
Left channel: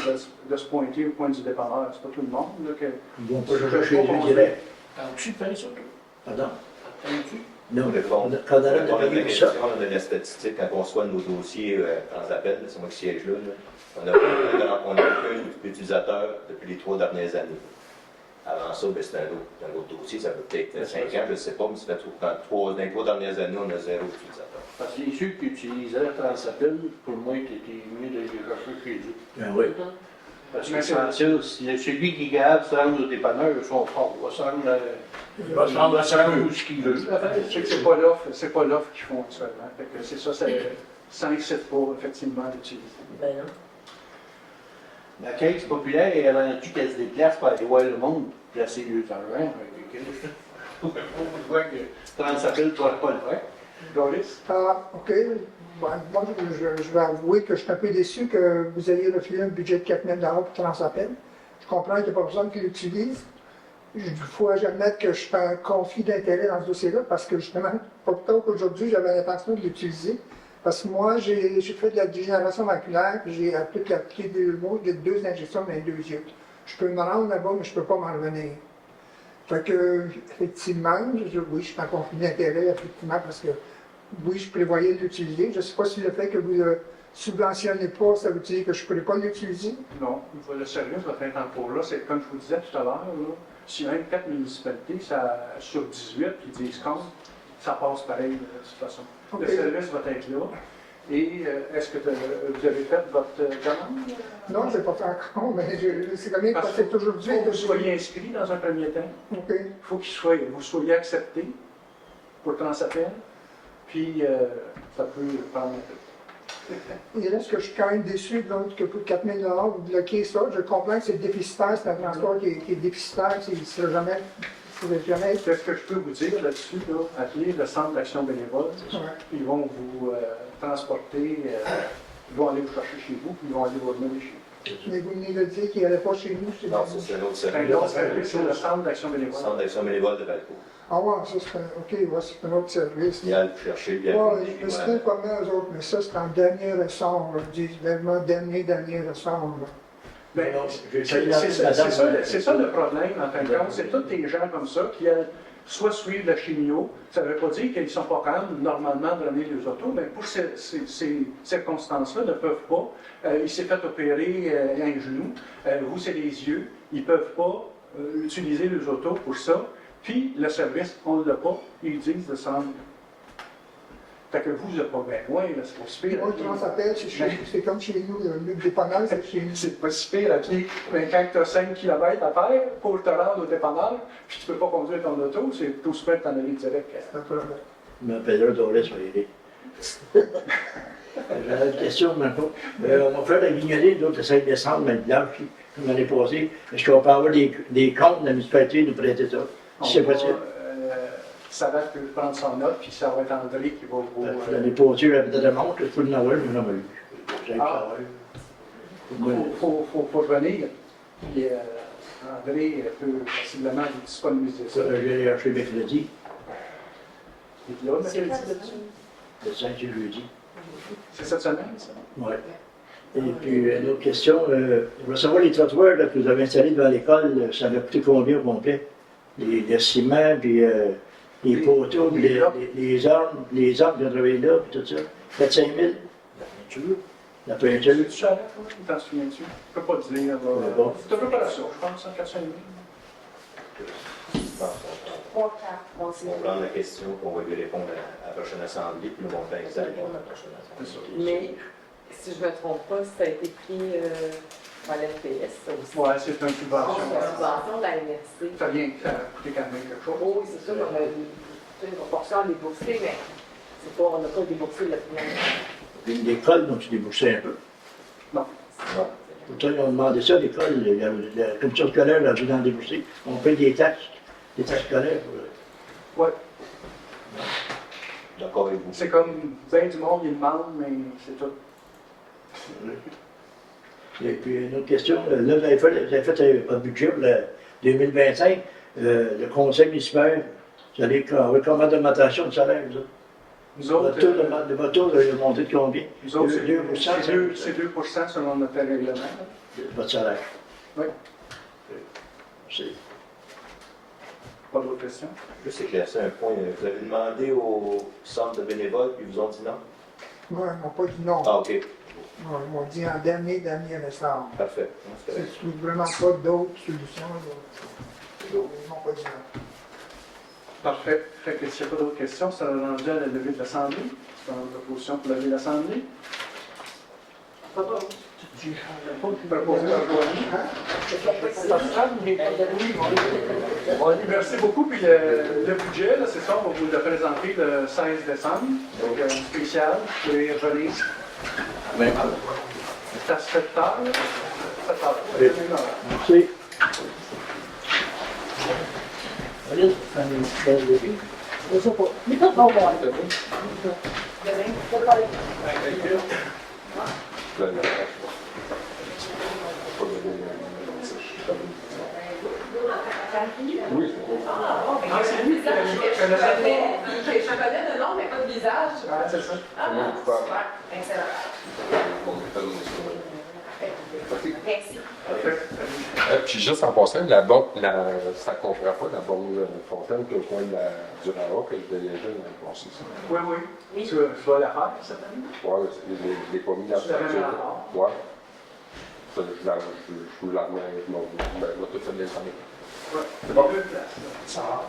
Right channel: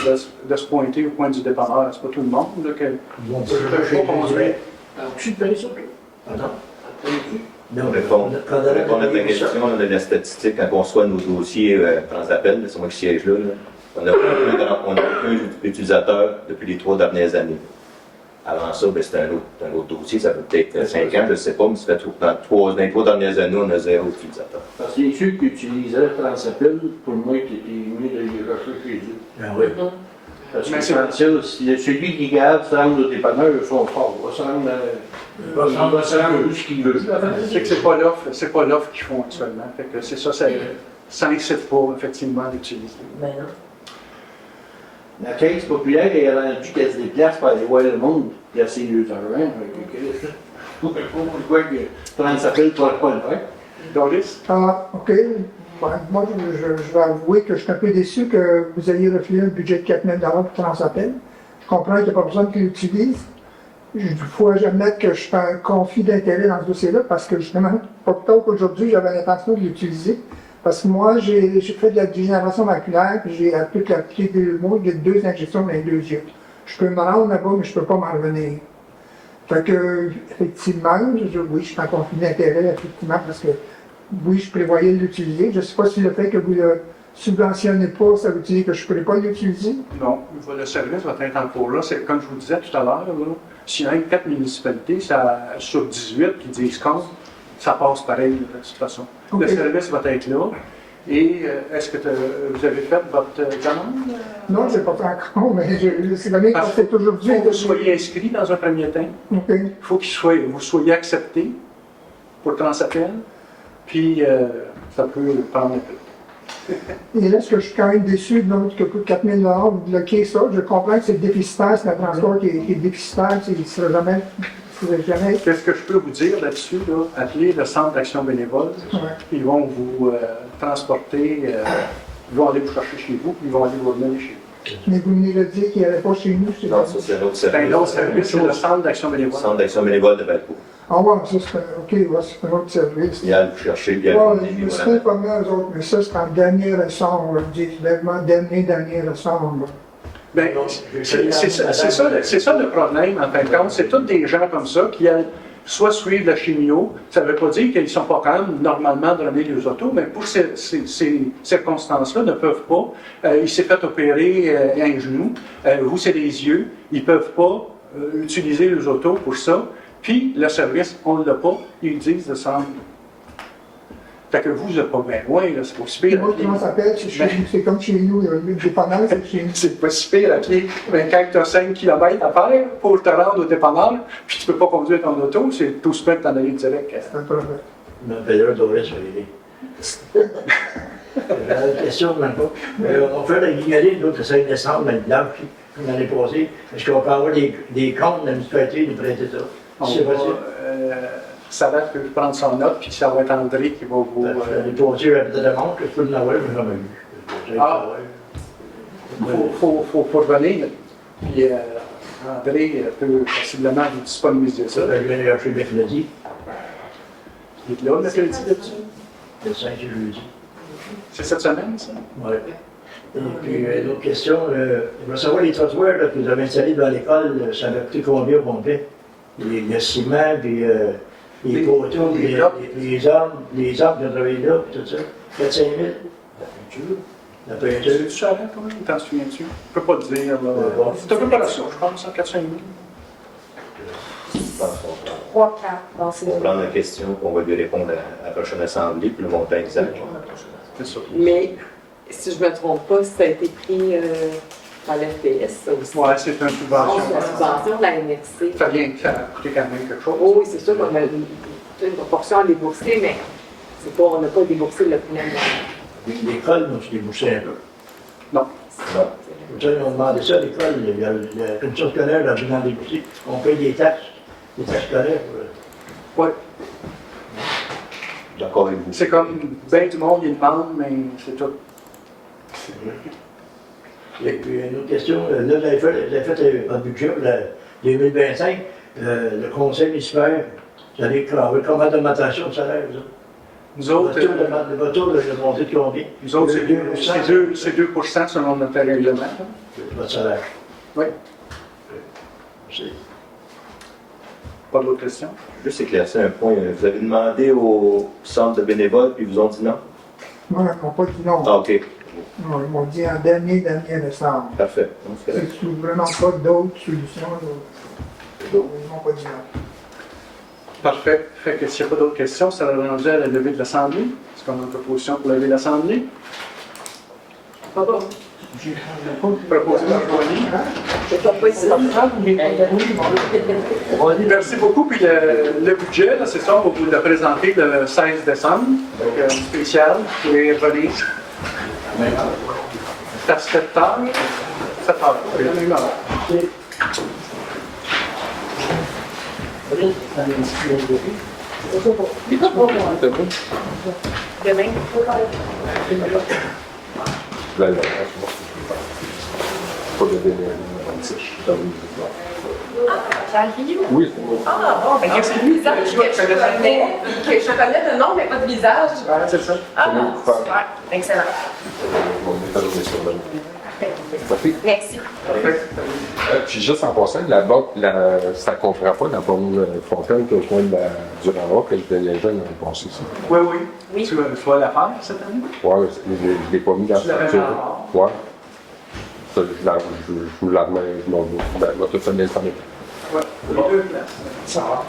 de se pointer au point du dépanneur. C'est pas tout le monde là, que. Ils vont pas le chercher direct. Tu te fais ça? Pardon? Non, Non, répondre quand on a à ta donné ça, question, on a la statistique quand on reçoit nos dossiers Transappel, c'est moi qui siège là. On n'a aucun utilisateur depuis les 3 dernières années. Avant ça, ben, c'était un autre dossier, ça fait peut-être 5 ans, je ne sais pas, mais ça fait dans les 3 dernières années, on a 0 utilisateur. Parce que ceux qui utilisaient Transappel, pour moi, c'était mieux de les chercher chez eux. ben oui. Parce que Mais c'est- celui qui est capable de se rendre au dépanneur, son fort, va se rendre où ce qu'il veut. C'est que c'est pas l'offre qu'ils font actuellement. Fait que c'est ça n'incite pas effectivement d'utiliser. Ben non. La caisse populaire, elle a rendu qu'elle se déplace pour aller voir le monde, placer 2 heures. Hein, pourquoi que Transappel ne pourrait pas le faire? Doris? Ah, OK. Ben, moi, je vais avouer que je suis un peu déçu que vous ayez refusé un budget de 4 000 pour Transappel. Je comprends qu'il n'y a pas personne qui l'utilise. Il faut admettre que je fais un conflit d'intérêt dans ce dossier-là parce que justement, pas plus tard qu'aujourd'hui, j'avais l'intention de l'utiliser. Parce que moi, j'ai fait de la dégénération maculaire, puis j'ai appris que la pied de mois, j'ai 2 injections dans les 2 yeux. Je peux me rendre là-bas, mais je ne peux pas m'en revenir. Fait que, effectivement, oui, je suis en conflit d'intérêt, effectivement, parce que, oui, je prévoyais l'utiliser. Je ne sais pas si le fait que vous ne le subventionnez pas, ça veut dire que je ne pourrais pas l'utiliser. Non, le service va être en cours là. C'est comme je vous disais tout à l'heure, là, s'il y a 4 municipalités sur 18 qui disent compte, ça passe pareil de toute façon. Okay. Le service va être là. Et est-ce que vous avez fait votre demande? Non, je ne l'ai pas fait encore, mais c'est la même chose c'est aujourd'hui. Il faut que vous soyez inscrit dans un premier temps. OK. Il faut vous soyez accepté pour Transappel. Puis ça peut prendre un peu. Et là, est-ce que je suis quand même déçu de l'autre que coûte 4 000 vous bloquez ça? Je comprends que c'est déficitaire, c'est un transport qui est déficitaire, il ne sera jamais. Qu'est-ce que je peux vous dire là-dessus? Là? Appelez le centre d'action bénévole. Ouais. Ils vont vous transporter, ils vont aller vous chercher chez vous, puis ils vont aller vous remettre chez Mais vous venez de dire qu'il n'allait pas chez nous, c'est Non, ça, c'est un autre Ben, l'autre service. service, c'est le centre d'action bénévole. Centre d'action bénévole de Valpo. Ah ouais, ça c'est OK, ouais, c'est un autre service. Il y a le chercher, bien. Ouais, je me suis fait comme eux autres, mais ça c'est en dernier ressort, là, je dis vraiment dernier ressort. Là. Ben, c'est ça le problème, en fin de compte. C'est tous des gens comme ça qui soit suivent la chimio. Ça ne veut pas dire qu'ils ne sont pas capables normalement de ramener les autos, mais pour ces circonstances-là, ne peuvent pas. Il s'est fait opérer un genou, vous c'est les yeux, ils ne peuvent pas utiliser les autos pour ça. Puis le service, on ne l'a pas, ils disent de s'en. Fait que vous n'êtes pas bien loin, c'est pas si pire. Moi, comment ça s'appelle? C'est comme chez nous, il y a le dépanneur, c'est chez nous. C'est pas si pire à pied. Mais quand tu as 5 km à faire pour te rendre au dépanneur, puis tu ne peux pas conduire ton auto, c'est tout se mettre en aller direct. C'est un problème. Ma période devrait se aider. J'avais une question, même pas. On fait la guignolée, nous, le 5 décembre, dans le village, comme l'année passée. Est-ce qu'on peut avoir des comptes de la municipalité de prêter ça? Si c'est possible. Ça va prendre son note, puis ça va être André qui va vous. L'année passée, il y avait de la montre, je peux l'en avoir, mais j'en ai eu. Ah, faut revenir. Puis André peut possiblement vous disponibiliser ça. Je vais aller acheter mercredi. Il est là, le mercredi, là-dessus? Le 5 et jeudi. C'est cette semaine, ça? Oui. Et puis, une autre question, je veux savoir les trottoirs là, que vous avez installés dans l'école, ça va coûter combien au complet? Le ciment, puis les poteaux, les arbres que vous avez travaillé là, puis tout ça. 4-5 000? La peinture. Tu cher, toi? T'en souviens-tu? Je ne peux pas te dire, là. C'est un peu pas la ça, je pense, 4-5 000. 3, 4. On va prendre la question, puis on va lui répondre à la prochaine assemblée, puis le montant exact. C'est ça. Mais, si je ne me trompe pas, ça a été pris par l'FPS, ça aussi. Oui, c'est une subvention. C'est une subvention de la MRC. Ça vient, ça a coûté quand même quelque chose. Oh, oui, c'est sûr qu'on a une proportion à débourser, mais on n'a pas déboursé le plein. L'école, donc, tu déboursais un peu. Non. Ils ont demandé ça à l'école, la commission scolaire a besoin de débourser. On paye des taxes scolaires. Oui. D'accord avec vous. C'est comme, bien du monde, ils demandent, mais c'est tout. Et puis, une autre question, là, vous avez fait un budget pour 2025, le conseil municipal, vous allez avoir combien d'augmentation de salaire, ça? Nous autres, votre taux, le monté de combien? nous autres c'est 2% selon notre règlement. Votre salaire? Oui. Merci. Pas d'autres questions? Juste éclaircir un point. Vous avez demandé au centre de bénévoles, puis ils vous ont dit non? Non, ils m'ont pas dit non. Ah, OK. Non, ils m'ont dit en dernier ressort. Parfait. C'est vraiment pas d'autres solutions. Ils m'ont pas dit non. Parfait. Fait que s'il n'y a pas d'autres questions, ça va rendu à la levée de l'Assemblée. Est-ce qu'on a une proposition pour lever l'Assemblée? Pardon? Proposé par Joanie. Je Merci beaucoup. Puis le budget, c'est ça, on va vous le présenter le 16 décembre. Donc, spécial. Vous pouvez revenir. C'est à 7 heures. 7 heures. C'est la même heure. Merci. Oui. Ah, bon, ben, c'est le visage que je connais, que je connais de nom, mais pas de visage. C'est ça. Ah, super. Excellent. Merci. Puis juste en passant, ça ne comprend pas la bonne fontaine qui est au coin du Rara que les jeunes ont passé ici. Oui, oui. Tu vas la faire cette année? Oui, je ne l'ai pas mis dans la structure. Oui. Je vous la remets, je vais tout faire l'instant. Oui, les deux places. Ça va.